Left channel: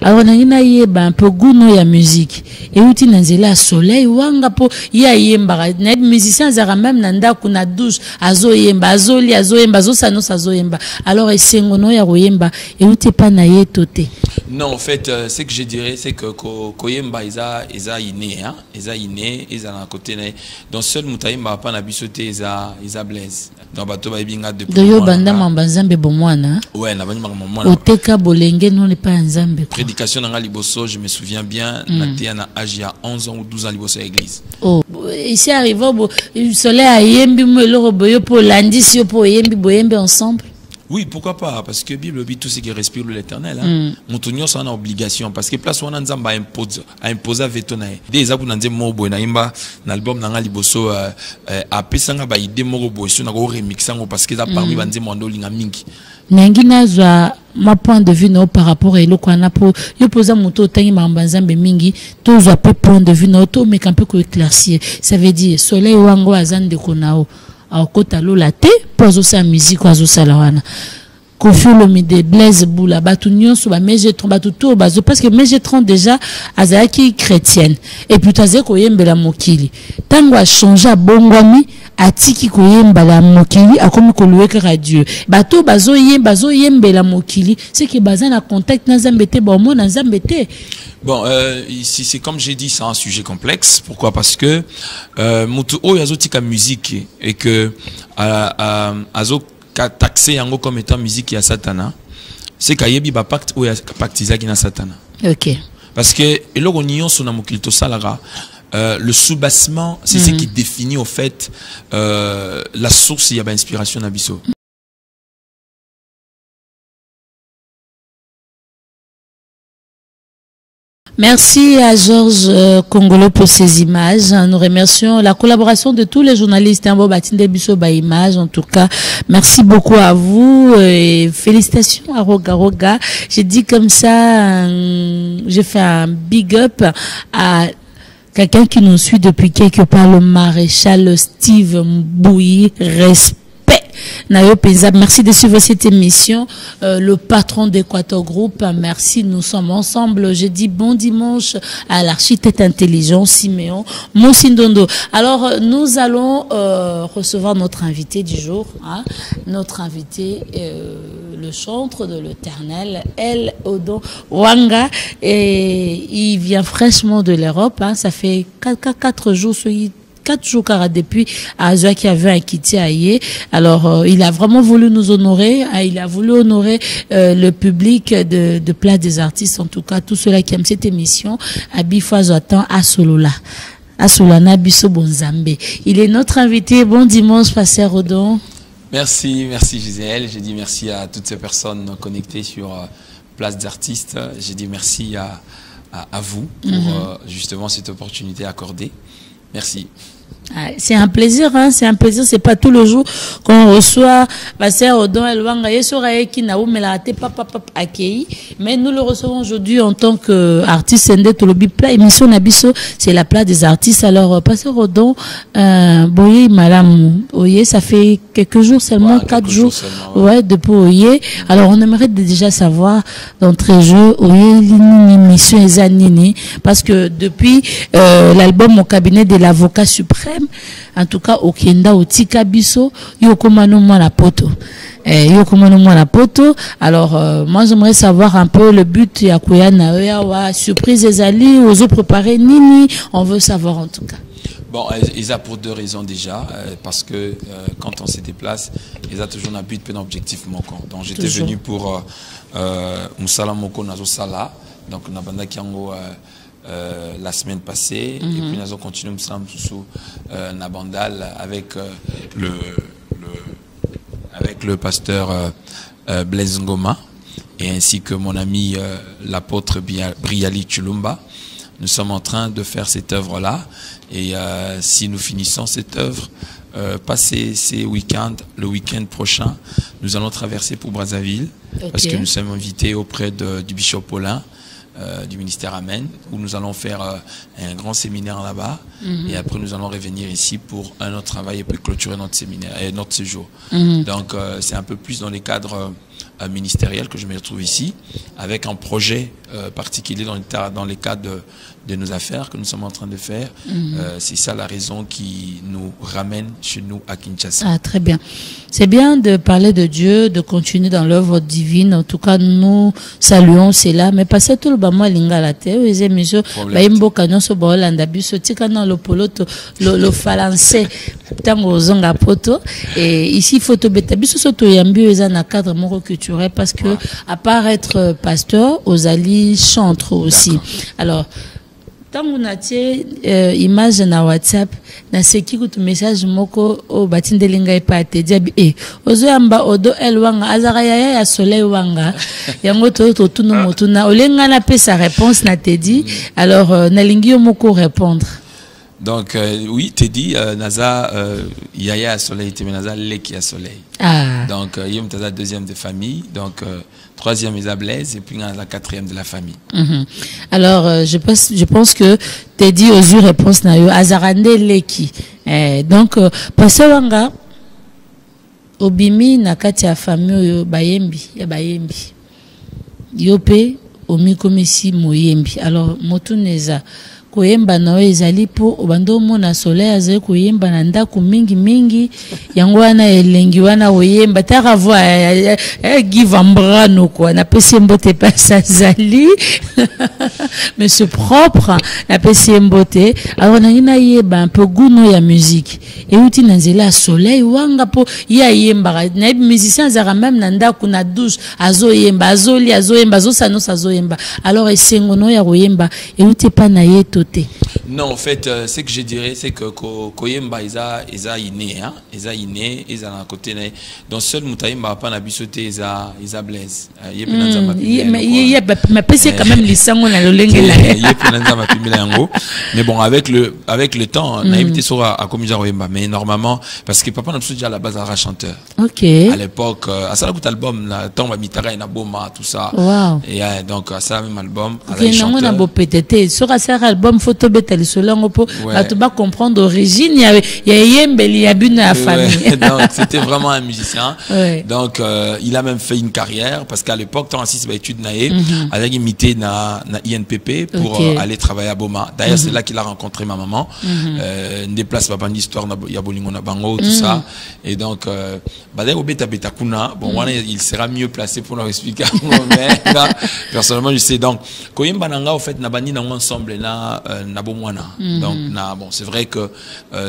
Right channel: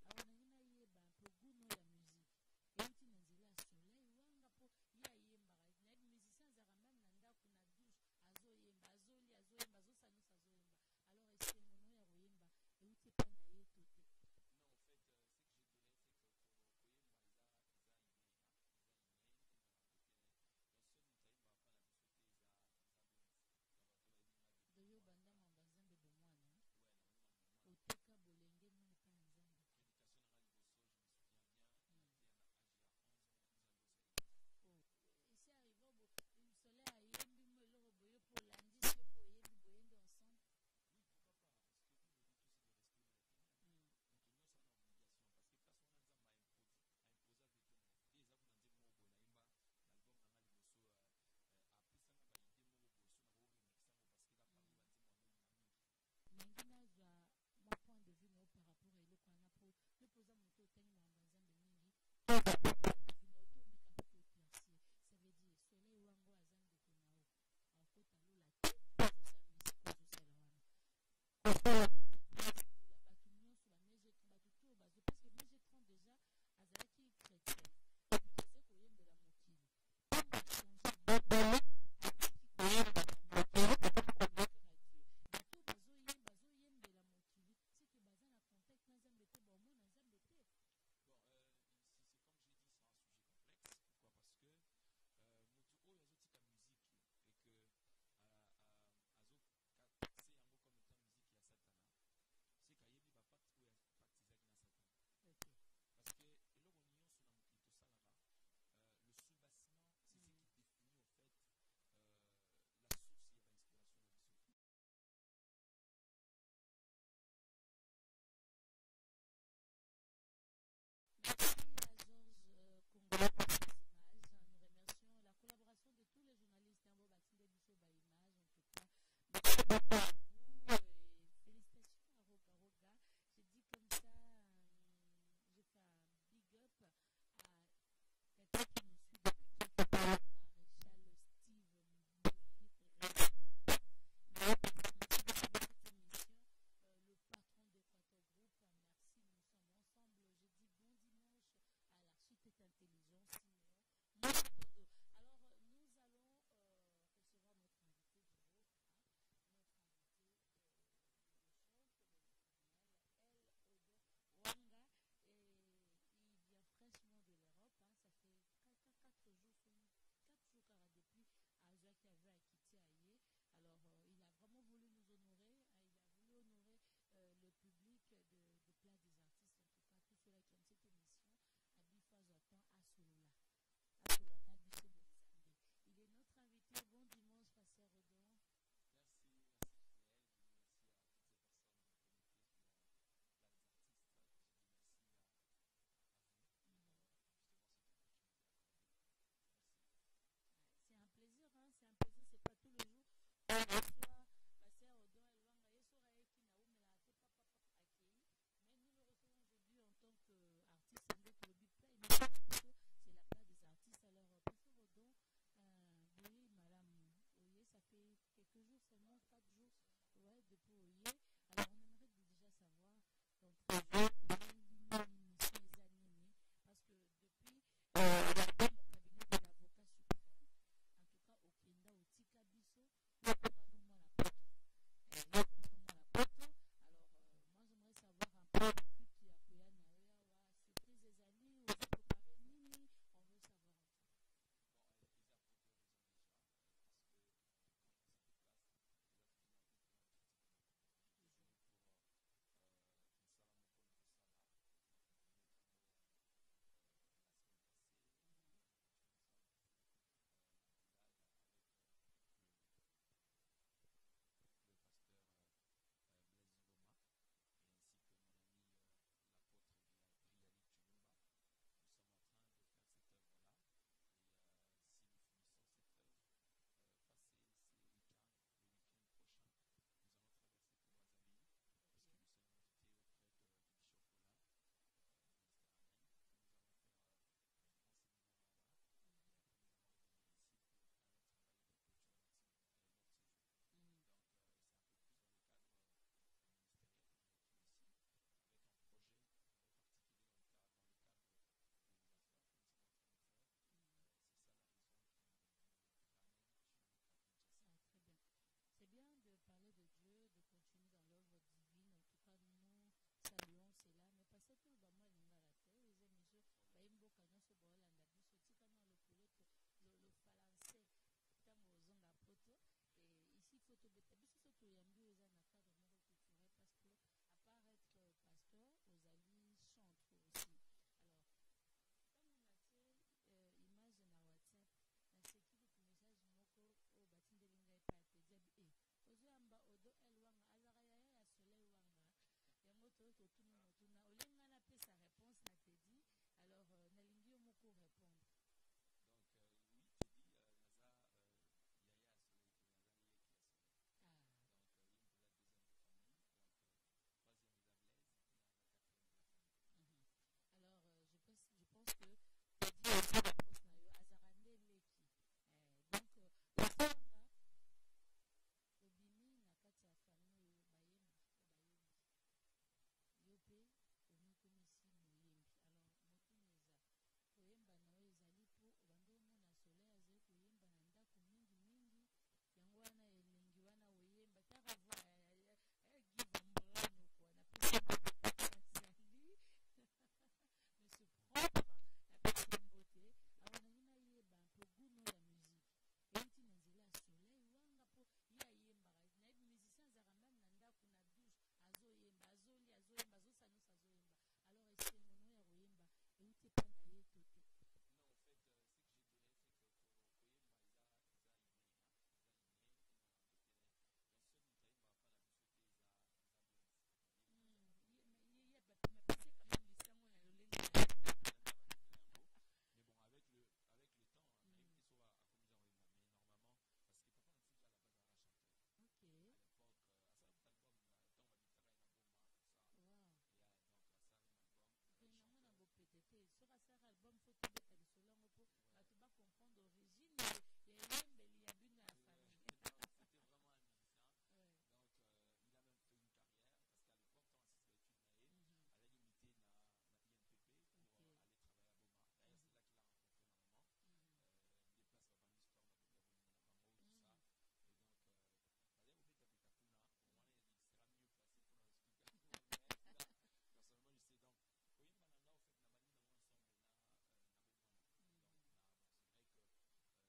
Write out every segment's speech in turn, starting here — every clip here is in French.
Alors nangina yeba un peu goût ya musique et outi nanzela soleil wanga po ya yemba na musicien zara même nanda kuna douche azo yemba azoli azo yemba azo sano azo yemba alors esengono ya yemba et outi pa na yetote. Non, en fait, ce que je dirais, c'est que Koyemba, ils inné, hein, ils inné, ils à côté. Donc seul Moutaïmba pas n'abisoté, ils blaise. Donc bateau ba ibinga depuis. Doyo banda mambanzambe bomwana. Ouais, na bani mamwana. Oteka bolenge non n'est pas nzambe. Prédication dans Liboso, je me souviens bien, naté na âge il y a 11 ans ou 12 ans Liboso à l'église. Oh, ici arrivé le soleil a yembi mo le boyo pour lundi si pour yembi boyembe ensemble. Oui, pourquoi pas? Parce que la Bible dit tout ce qui respire l'éternel. Hein. Mon ça a une obligation. Parce que place où on a imposé à Vétonaï. Des abou n'en disent bon naïmba l'album n'anga liboso a pesanga ba idée morobo sur n'ago remixango parce que ça parmi bandi mondo linga mingi. Nangina zwa ma point de vue no par rapport à l'oko na po yo posa moto tangi mambanzambe mingi to zwa pe point de vue no to mais un peu ko éclaircir. Ça veut dire soleil wango azande konao. Alors kota lola te pozo sa musique ozo salawana Kofi Olomide Blaise Boula batu nyonso ba mejetron batu to bazo parce que mejetron déjà azaki chrétienne et puis taze ko yembela mokili tango a changer bongwami atiki ko yembela mokili akomi ko louer radio bato bazo yembela mokili c'est que bazan na contact na zambete ba mo na zambete. Bon, ici c'est comme j'ai dit, c'est un sujet complexe. Pourquoi? Parce que mutu o yazotika musique et que azo taxé yango comme étant musique ya satana. C'est kayebi ba pacte o ya pactizaki na satana. OK. Parce que eloko nyon sona mokilito salara le soubassement, c'est ce qui définit au fait la source ya ba inspiration na biso. Merci à Georges Congolo pour ces images. Nous remercions la collaboration de tous les journalistes. Images, en tout cas, merci beaucoup à vous et félicitations à Roga. J'ai dit comme ça, j'ai fait un big up à quelqu'un qui nous suit depuis quelque part, le maréchal Steve Mbouyi. Respect. Merci de suivre cette émission. Le patron d'Equator Group, merci. Nous sommes ensemble. Je dis bon dimanche à l'architecte intelligent Siméon Moussindondo. Alors, nous allons recevoir notre invité du jour. Hein. Notre invité, le chantre de l'Éternel, El Odon Wanga. Et il vient fraîchement de l'Europe. Hein. Ça fait 4 jours. 4 jours depuis Azoua qui avait acquitté Aïe. Alors, il a vraiment voulu nous honorer. Il a voulu honorer le public de Place des Artistes. En tout cas, tous ceux-là qui aiment cette émission. Abifo Azoatan Asolola. Asolana Biso Bonzambe. Il est notre invité. Bon dimanche, Pasteur Odon. Merci Gisèle. J'ai dit merci à toutes ces personnes connectées sur Place des Artistes. J'ai dit merci à vous pour justement cette opportunité accordée. Merci. C'est un plaisir, hein, c'est un plaisir, c'est pas tout le jour qu'on reçoit Pasteur Odon Elwanga, mais nous le recevons aujourd'hui en tant qu'artiste émission Nabiso, c'est la place des artistes. Alors, Pasteur Odon, Boye Madame Oye, ça fait quelques jours seulement, 4 jours, ouais, depuis Oye. Alors, on aimerait déjà savoir, d'entrée jeu, Oye, l'émission Ezanini, parce que depuis l'album au cabinet de l'avocat suprême, en tout cas au Kenda au Tikabiso yokomano mwana poto alors moi j'aimerais savoir un peu le but ya kuyana ya surprise ezali ozo préparer nini, on veut savoir en tout cas. Bon, ils a pour 2 raisons déjà, parce que quand on se déplace, ils a toujours un but, un objectif moko. Donc j'étais venu pour Moussala Moko Nazo Sala, donc Nabanda Kiango la semaine passée, et puis nous avons continué sous Nabandal avec le pasteur Blaise Ngoma et ainsi que mon ami l'apôtre Briali Chulumba. Nous sommes en train de faire cette œuvre-là et si nous finissons cette œuvre, passer ces week-ends, le week-end prochain, nous allons traverser pour Brazzaville parce que nous sommes invités auprès du Bishop Paulin. Du ministère Amen, où nous allons faire un grand séminaire là-bas et après nous allons revenir ici pour un autre travail et puis clôturer notre séminaire et notre séjour. Donc c'est un peu plus dans les cadres ministériel que je me retrouve ici, avec un projet particulier dans les cadres de nos affaires que nous sommes en train de faire. C'est ça la raison qui nous ramène chez nous à Kinshasa. Ah, très bien. C'est bien de parler de Dieu, de continuer dans l'œuvre divine. En tout cas, nous saluons cela. Mais pas ça tout le bama lingala te. Les émissions, baimbo kanyon so baolanda biso tika na lo poloto lo français tango zonga poto. Et ici photo beta biso so to yambi eza na cadre moko culturel parce que à part être pasteur, Ozali chantre aussi. Alors tango natie image na WhatsApp na seki kutu message moko o batindelinga epate diabi ozo yamba odo elwanga azara ya soleil wanga yango to tuno motuna olenga na pesa réponse na te dit alors nalingi yo moko répondre. Donc oui, Teddy naza yaya à soleil te naza leki à soleil. Ah. Donc yom taza deuxième de famille, donc troisième Isa Blaise et puis la quatrième de la famille. Alors je pense que Teddy aux yeux réponse na yo azarande leki. Donc passer wanga obimi na kati ya famille yo bayembi ya bayembi. Yope omikomisi moyembi. Alors motuneza koyemba na ezali po obando mona soleil azali koyemba na ndako mingi yango wana elengi wana oyemba taka voix give ambrano quoi na pesi mbote pasa zali mais c'est propre na pesi mbote alors na ngina yeba un peu guno ya musique et uti na nzela soleil wanga po ya yemba na musicien zara même na ndako na douche azoyemba azoyemba azosano sazoyemba alors esengono ya koyemba et uti pa na yeto. Non, en fait, ce que je dirais, c'est que Koyemba, ils inné, hein, ils inné, ils ont un côté. Donc seul Moutaïmba pas n'habitué, ils Blaise. Mais c'est quand même les sangs on a le mais bon, avec le temps, on a évité ça à Komija Koyemba. Mais normalement, parce que papa n'a pas déjà à la base un chanteur. Ok. À l'époque, à ça la album, la tombe Mitara et Naboma, tout ça. Wow. Et donc à ça même album. Ok, non on a beau péter. Sur un album photo bête selon po tu vas comprendre d'origine il y a yembeli ya bune à famille. Donc c'était vraiment un musicien. Donc il a même fait une carrière parce qu'à l'époque tant assis études naé avec imité na INPP pour aller travailler à Boma. D'ailleurs c'est là qu'il a rencontré ma maman. Déplace papa d'histoire na ya bolingo na bango tout ça et donc d'ailleurs au beta kuna bon il sera mieux placé pour nous expliquer mais là, personnellement je sais donc koyemba nanga au fait na bani na ensemble na donc bon c'est vrai que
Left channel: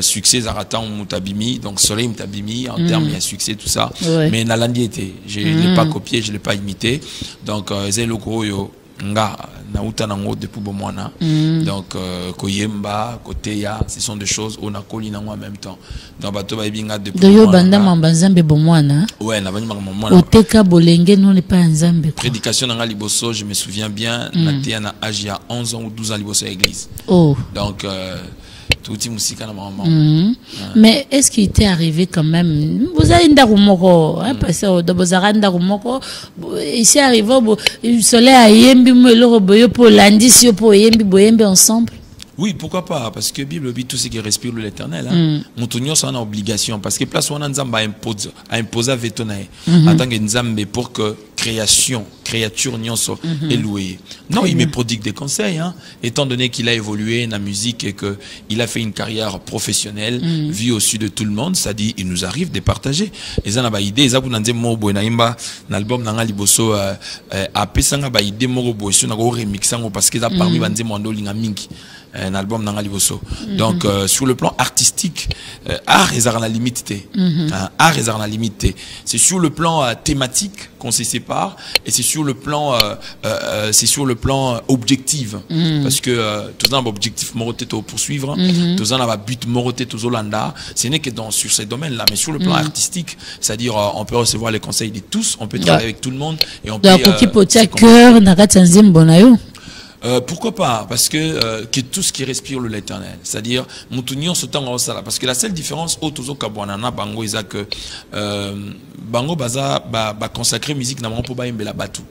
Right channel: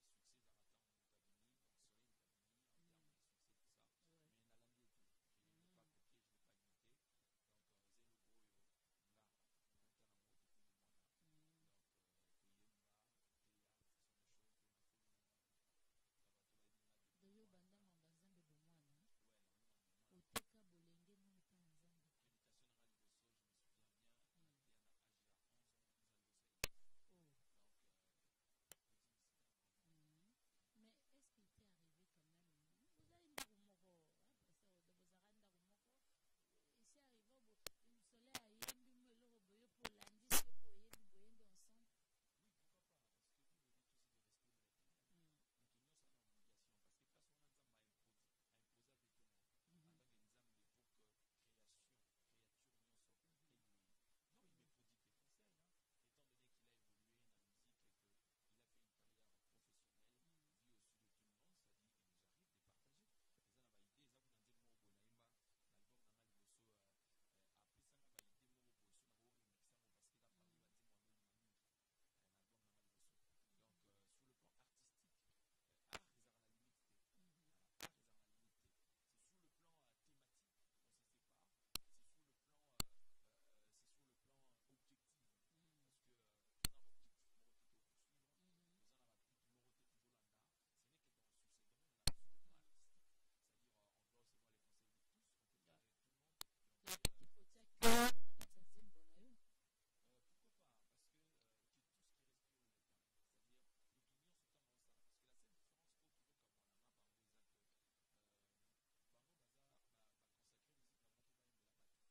succès Zaratan Moutabimi donc Soleil Moutabimi en termes il y a succès tout ça mais Nalandi était je l'ai pas copié je l'ai pas imité donc Zeloko yo nga na uta nango depuis bomwana donc koyemba koteya ce sont des choses on a collé nango en même temps donc bato ba binga depuis de yo banda mambanzambe bomwana ouais na bani mamwana oteka bolenge non n'est pas nzambe prédication na liboso je me souviens bien na te na âge il y a 11 ans ou 12 ans liboso à l'église donc tout musique na maman. Mais est-ce qu'il t'est arrivé quand même vous avez ndarumoko hein parce que de bozara ndarumoko ici arrivé le soleil a yembi mo le boyo pour lundi si pour yembi boyembi ensemble. Oui, pourquoi pas? Parce que la Bible dit tout ce qui respire l'Éternel. Hein. Mon c'est une obligation. Parce que place où on a Nzamba a imposé veto en tant que Nzambe pour que créature nyonso est louée. Non, il me prodigue des conseils. Hein. Étant donné qu'il a évolué dans la musique et qu'il a fait une carrière professionnelle, vue au-dessus de tout le monde, ça dit, il nous arrive de partager. Et ça n'a pas idée. Ça, vous n'avez pas idée. L'album n'a pas liboso a pesanga ba idée moro boy sur na go remixango parce que ça parmi banze mondo linga mingi. Un album dans Liboso. Donc sur le plan artistique, art et la limite. Art et la limite. C'est sur le plan thématique qu'on se sépare et c'est sur le plan objectif parce que tous un objectif moroté pour poursuivre, tous un but moroté tous Hollanda. Ce n'est que sur ces domaines-là, mais sur le plan artistique, c'est-à-dire on peut recevoir les conseils de tous, on peut travailler avec tout le monde et on peut. Pourquoi pas? Parce que tout ce qui respire l'Éternel, c'est-à-dire Moutunion se tend au sala. Parce que la seule différence au Tozo Kabwanana Bango est que Bango Baza consacrer musique n'a pas la batu.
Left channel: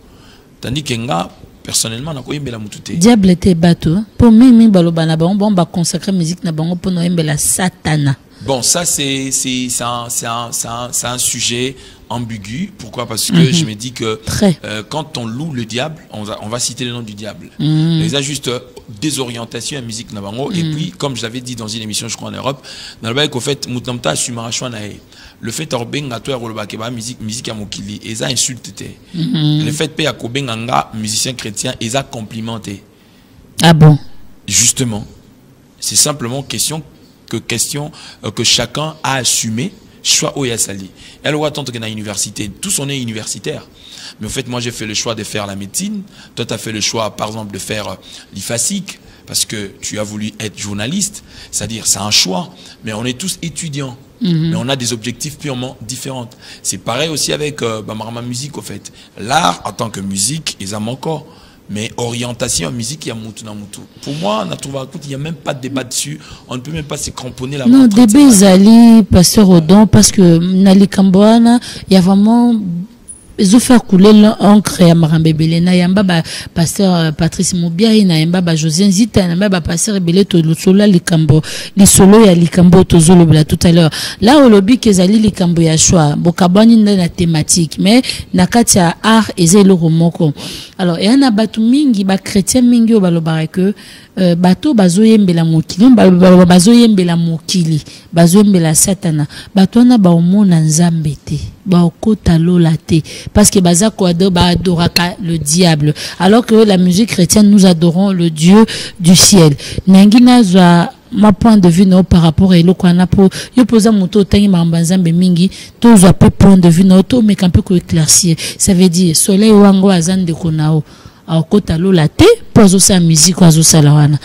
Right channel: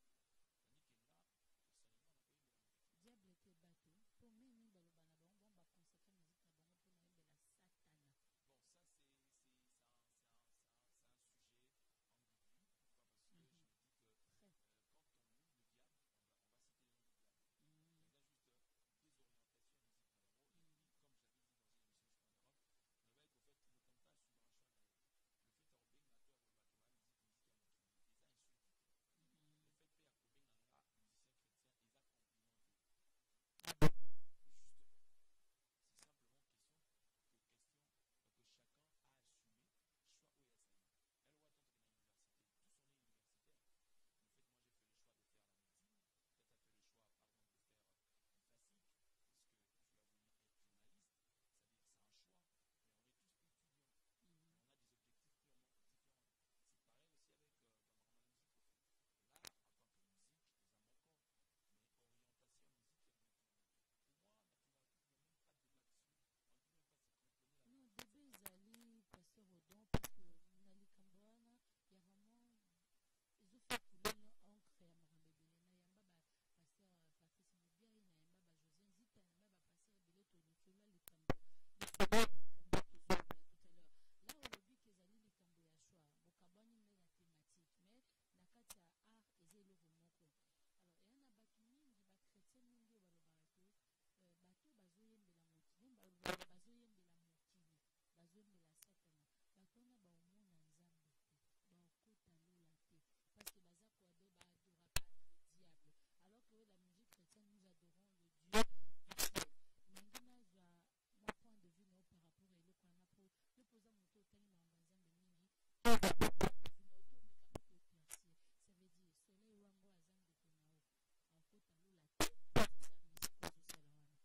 Tandis que nga personnellement n'a pas la mutute. Diable était batu. Pour mimi balobana bon consacrer musique n'a bango pour noembe la satana. Bon, ça c'est un sujet ambigu. Pourquoi? Parce que je me dis que quand on loue le diable, on va citer le nom du diable. Il y a juste des orientations à musique nabango. Et puis, comme je l'avais dit dans une émission, je crois en Europe, dans le bail qu'au fait, Moutamta le fait orbenga toi rolobakeba musique à mokili, et ça insulte. Le fait pe akobenganga musicien chrétien, et ça complimenté. Ah bon? Justement, c'est simplement question que chacun a assumé, soit au Yassali. Elle va attendre que dans l'université, tous on est universitaires. Mais en fait, moi j'ai fait le choix de faire la médecine. Toi, tu as fait le choix, par exemple, de faire l'IFASIC, parce que tu as voulu être journaliste. C'est-à-dire, c'est un choix. Mais on est tous étudiants. Mais on a des objectifs purement différents. C'est pareil aussi avec ma musique, au fait. L'art, en tant que musique, ils en encore. Mais orientation en musique, il y a moutou na moutou. Pour moi, il n'y a même pas de débat dessus. On ne peut même pas se cramponner là. Non, débat Zali, pasteur Odon, parce que Nali Kamboana, il y a vraiment. Ils ont fait couler l'encre à Marambébélé. Nayamba, pasteur Patrice Moubiaï, Nayamba, José Zita, Nayamba, pasteur Bélé, le solo, Likambo, les solos, il y a Likambo, Tozolo, tout à l'heure. Là, au lobby, Kezali, Likambo, Yachua, Bokabani, la thématique, mais Nakatia art, et zé le romoko. Alors, il y a un batu mingi, ba chrétien mingi, au balobareke, bato bazoyembela mokili bazoyembela mokili bazoyembela satana bato na baomona nzambe te baokota lola te parce que baza ko adoraka le diable alors que la musique chrétienne nous adorons le Dieu du ciel nangina za ma point de vue no par rapport à eloko na po yo posa moto tangi mambanzambe mingi to zo pe point de vue no to mais un peu ko éclaircir ça veut dire soleil wango azande konao aokota lola te pozo sa musique ozo salawana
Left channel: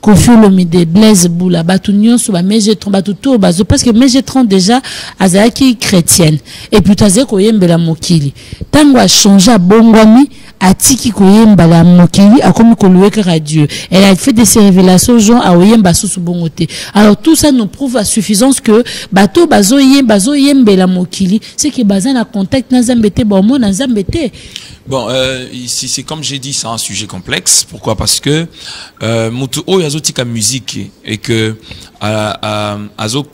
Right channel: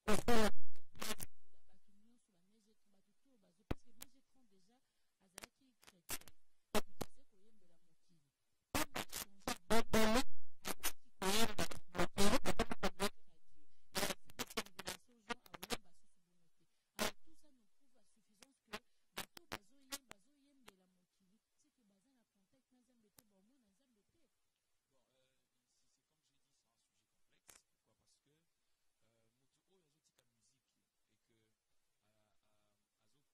Kofi Olomide Blaise Boula batu nyonso ba mejetron batu to bazo parce que mejetron déjà azaki chrétienne et puis taze koyembela mokili tango a changé bongwami atiki koyembala mokili akomi koluweka ka Dieu elle a fait des révélations gens a oyemba susu bongote alors tout ça nous prouve à suffisance que bato bazo yembela mokili c'est que bazan a contact na zambete ba mo na zambete. Bon, ici c'est comme j'ai dit, c'est un sujet complexe. Pourquoi? Parce que Mutuo yazotika musique et que azo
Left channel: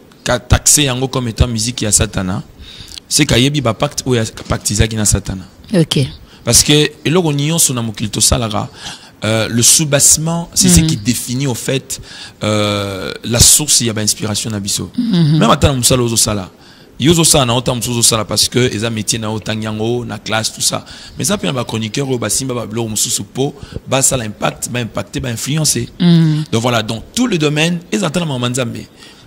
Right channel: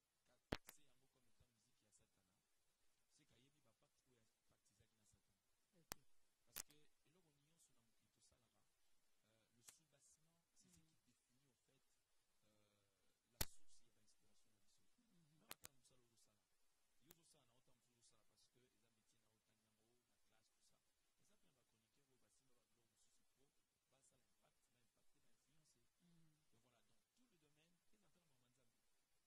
taxé yango comme étant musique ya Satana. C'est kayebi ba pacte ou ya pactisaki na Satana. Ok. Parce que eloko nion sona mokilto salara. Le soubassement, c'est ce qui définit au fait la source. Il y a inspiration d'abisso. Même attends musala ozo sala. Yozo ça na autant musozo ça parce que les métiers na autant yango na classe tout ça mais ça puis un chroniqueur au basimba ba blog mususu po ba ça l'impact ba impacter ba influencer donc voilà donc tout le domaine ils entendent Manzambe.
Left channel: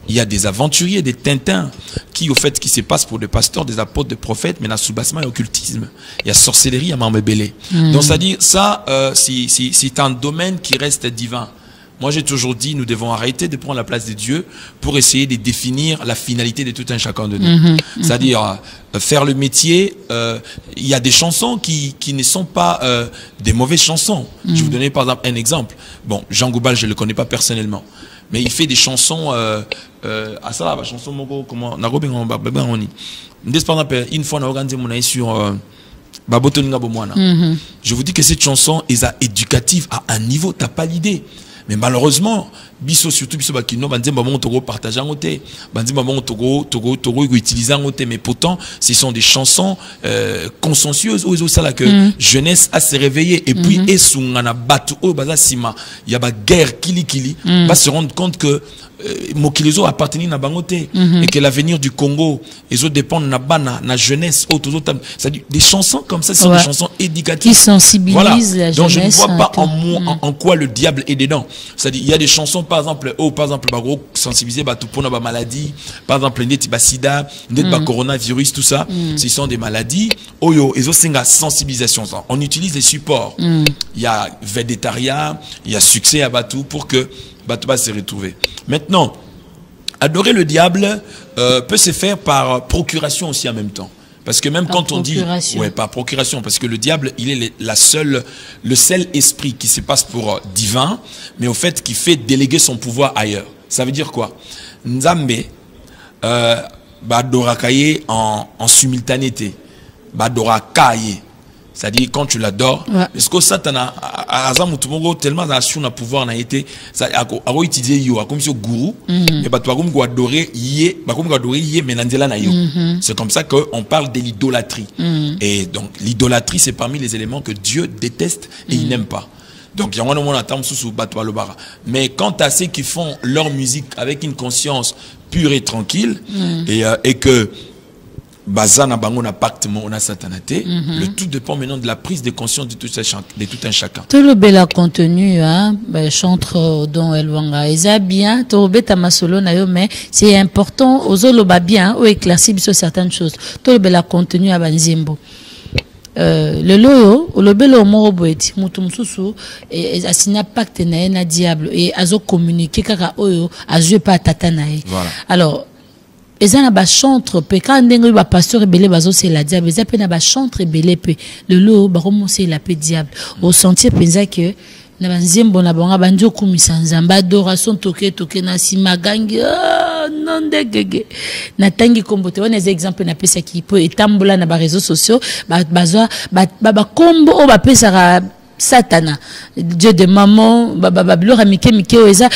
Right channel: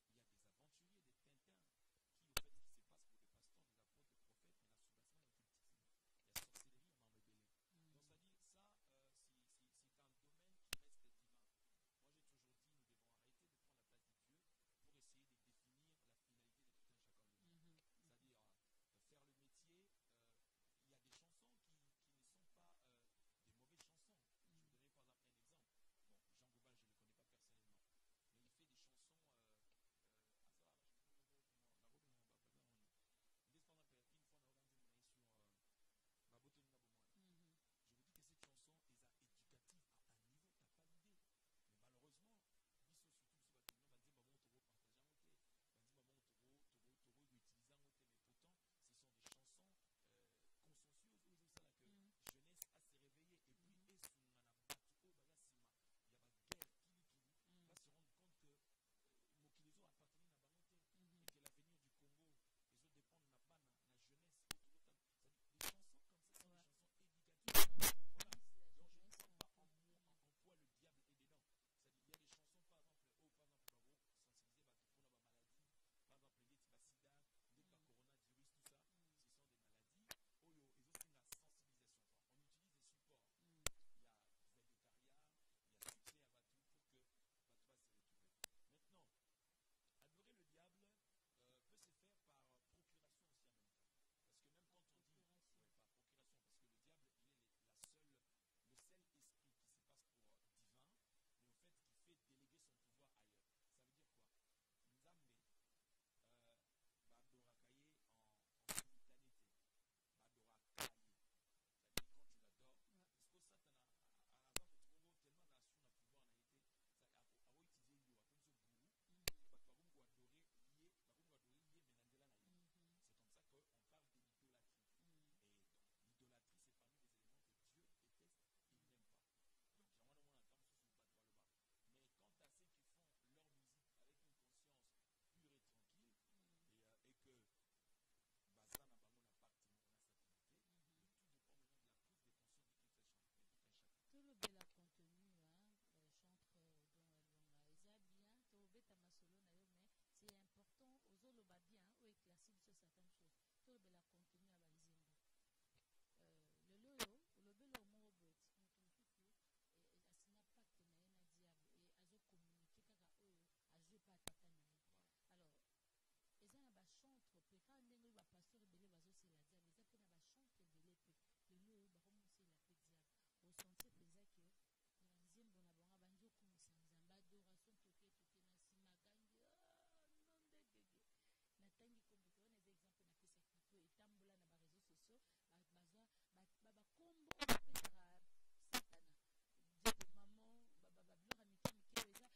Il y a des aventuriers, des Tintins qui au fait qui se passent pour des pasteurs, des apôtres, des prophètes, mais dans soubassement et occultisme. Il y a sorcellerie à Mambébélé. Donc c'est à dire ça c'est un domaine qui reste divin. Moi, j'ai toujours dit, nous devons arrêter de prendre la place de Dieu pour essayer de définir la finalité de tout un chacun de nous. C'est-à-dire, faire le métier, il y a des chansons qui ne sont pas des mauvaises chansons. Je vais vous donner par exemple un exemple. Bon, Jean Goubal, je ne le connais pas personnellement. Mais il fait des chansons, à ça là, la chanson, comment, une fois, on a organisé mon avis sur je vous dis que cette chanson est éducative à un niveau, tu n'as pas l'idée. Mais malheureusement, biso surtout biso bakino banzemba maman togo partager en côté, banzemba maman togo utiliser en côté. Mais pourtant, ce sont des chansons consensueuses où ça là que jeunesse a se réveiller et puis esungana batu o baza sima, il y a ba guerre kili va se rendre compte que Mokilizo appartenait à Bangote et que l'avenir du Congo les autres dépendent na bana na jeunesse c'est-à-dire des chansons comme ça sont des chansons éducatives qui sensibilisent la jeunesse. Donc je ne vois pas en quoi le diable est dedans. C'est-à-dire il y a des chansons par exemple sensibiliser tout pour la maladie par exemple net sida net coronavirus tout ça ce sont des maladies oyo et aussi la sensibilisation on utilise des supports il y a végétariat il y a succès à Batou pour que Batou va se retrouver. Maintenant, adorer le diable peut se faire par procuration aussi en même temps. Parce que même quand on dit... Ouais, par procuration. Parce que le diable, il est le seul esprit qui se passe pour divin, mais au fait qui fait déléguer son pouvoir ailleurs. Ça veut dire quoi? Nzambe, badorakaye en simultanéité. Badorakaye. C'est-à-dire quand tu l'adores, parce que Satana tellement dans son pouvoir n'a été ça a utilisé yo comme ce gourou mais bah toi comme adorer yé mais nanzela na yo. C'est comme ça qu'on parle de l'idolâtrie. Et donc l'idolâtrie c'est parmi les éléments que Dieu déteste et il n'aime pas. Donc il y a un attend sous batwa le bara. Mais quant à ceux qui font leur musique avec une conscience pure et tranquille et que Bazana bango na pacte on a satanaté. Le tout dépend maintenant de la prise de conscience de tout un chacun. Tout le bel contenu, hein, chantre dont Elwanga, eza bien, tout le bel masolo na yo, mais c'est important aux oloba bien, ou éclaircir sur certaines choses. Tout le bel contenu à Banzimbo. Le loyo, le bel moro boeti, mutum susu, et asina pacte na diable, et azo communiquer kaka oyo, azo pas tatanae. Voilà. Alors, ezana ba chantre pe quand ndenge ba pasteur belé bazo c'est la diable eza pe na ba chantre belé pe le lo ba commencer la pe diable au sentir penza que na banzembo na banga banjo kumisa nzamba adoration toke na simagangi non degege na tangi kombote on des exemples na pesa ki po etambola na ba réseaux sociaux ba kombo o ba pesa Satana, Dieu de maman, bablora mike eza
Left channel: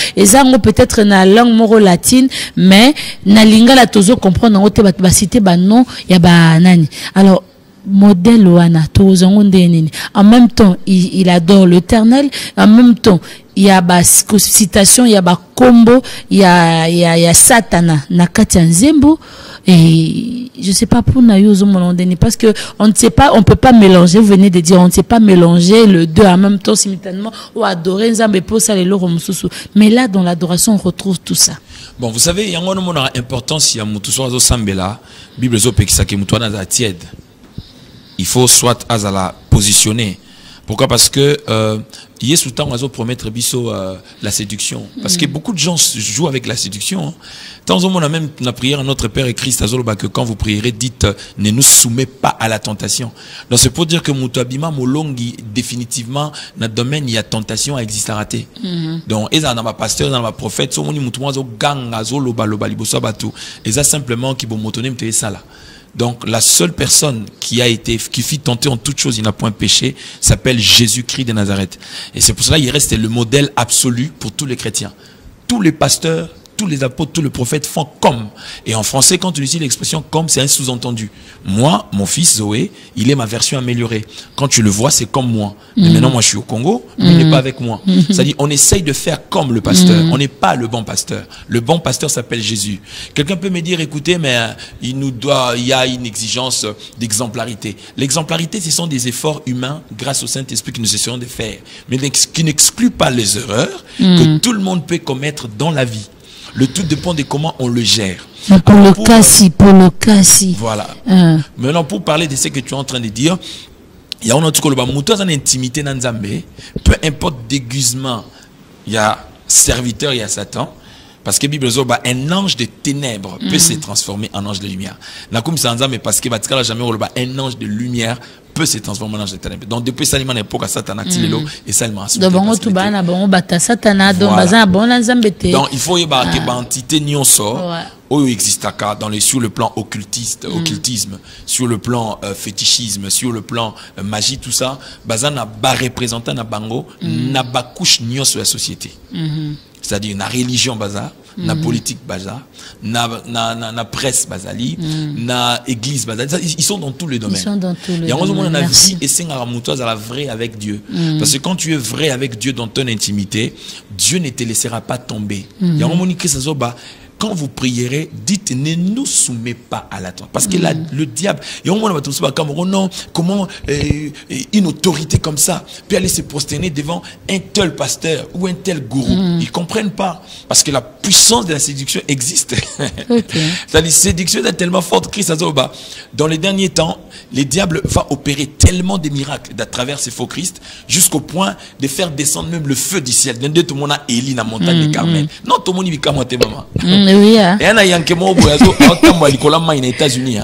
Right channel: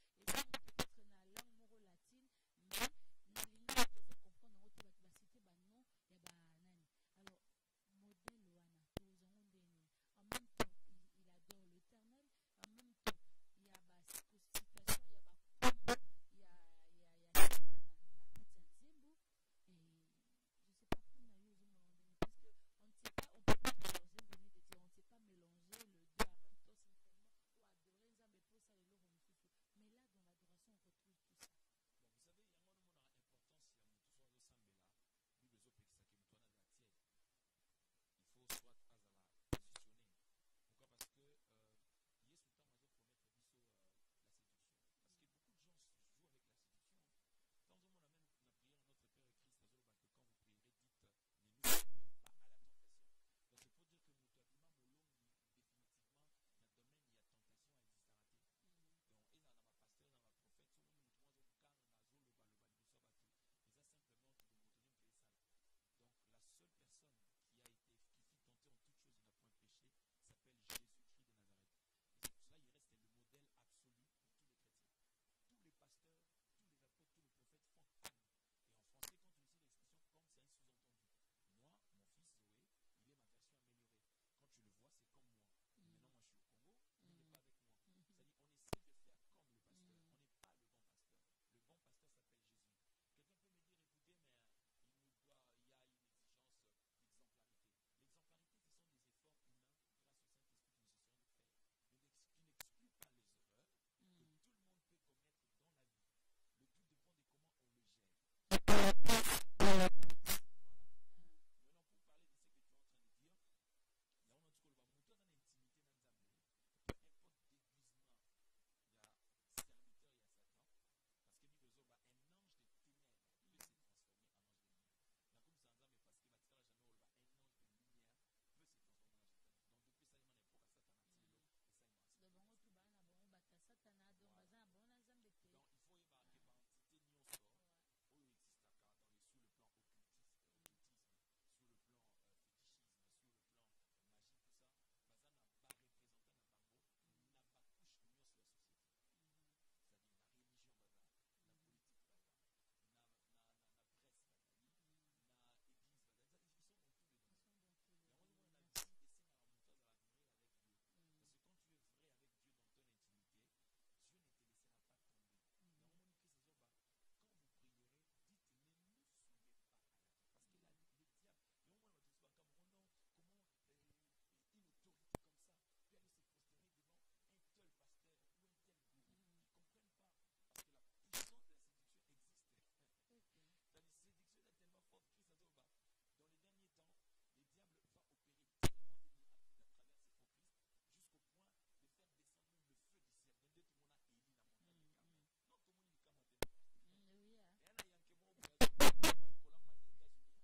peut-être na langue moro latine, mais na lingala tozo comprendre ngote ba citer ba non ya ba nani. Alors modèle wana tozo nini. En même temps, il adore l'Éternel, en même temps il y a ba citation, il y a ba combo, il y a Satana na kati nzembo. Et je sais pas pour Nayozo Molondeni parce que on ne sait pas, on peut pas mélanger, vous venez de dire, on ne sait pas mélanger le deux en même temps simultanément ou adorer Nzambe pour ça les loro mususu. Mais là dans l'adoration on retrouve tout ça. Bon, vous savez, il y a une importance il y a mutuso azo sambela, Bible zo pekisa ke mutu na za tiède. Il faut soit azala positionner. Pourquoi? Parce que Yesu temps azo promettre biso la séduction parce que beaucoup de gens jouent avec la séduction. Tant on a même la prière à notre Père et Christ azoloba que quand vous prierez dites ne nous soumets pas à la tentation. Donc c'est pour dire que mutabima molongi définitivement dans le domaine il y a tentation à exister raté. Donc eza na ma pasteur dans ma prophète so moni mutu azo ganga azoloba loba liboso batu eza simplement qui bon motonem te ça là. Donc la seule personne qui fit tenter en toute chose, il n'a point péché, s'appelle Jésus-Christ de Nazareth. Et c'est pour cela qu'il reste le modèle absolu pour tous les chrétiens. Tous les pasteurs, tous les apôtres, tous les prophètes font comme. Et en français, quand tu utilises l'expression comme, c'est un sous-entendu. Moi, mon fils Zoé, il est ma version améliorée. Quand tu le vois, c'est comme moi. Mais maintenant, moi, je suis au Congo, mais il n'est pas avec moi. C'est-à-dire, on essaye de faire comme le pasteur. On n'est pas le bon pasteur. Le bon pasteur s'appelle Jésus. Quelqu'un peut me dire, écoutez, mais il y a une exigence d'exemplarité. L'exemplarité, ce sont des efforts humains grâce au Saint-Esprit que nous essayons de faire. Mais qui n'exclut pas les erreurs que tout le monde peut commettre dans la vie. Le tout dépend de comment on le gère. Pour le cas-ci. Voilà. Maintenant, pour parler de ce que tu es en train de dire, il y a un autre intimité dans Nzambe. Peu importe déguisement, il y a serviteur, il y a Satan. Parce que la Bible dit un ange de ténèbres peut se transformer en ange de lumière. Parce que un ange de lumière peut se transformer en ange de ténèbres. Donc depuis ça, il y a une époque à Satan et ça, il m'a assuré. Donc il faut y avoir une entité nyonso où existe sur le plan occultisme, sur le plan fétichisme, sur le plan magie, tout ça, bazana ba représentant na bango na ba couche nyonso la société. C'est-à-dire na religion bazar, na politique bazar, na presse bazali, na église bazali. Ils sont dans tous les domaines. Ils sont dans tous les domaines. Il y a vie et c'est la vraie avec Dieu. Parce que quand tu es vrai avec Dieu dans ton intimité, Dieu ne te laissera pas tomber. Il y a un moment qui quand vous prierez, dites ne nous soumets pas à la tentation. Parce que le diable, il y a un moment où non, comment une autorité comme ça peut aller se prosterner devant un tel pasteur ou un tel gourou. Ils ne comprennent pas. Parce que la puissance de la séduction existe. C'est-à-dire la séduction est tellement forte. Christ a dit, dans les derniers temps, le diable va opérer tellement de miracles à travers ces faux Christ jusqu'au point de faire descendre même le feu du ciel. Tout le monde a Élie dans la montagne de Carmel. Non, tout le monde vit maman. Oui, et un Yankemo aux États-Unis.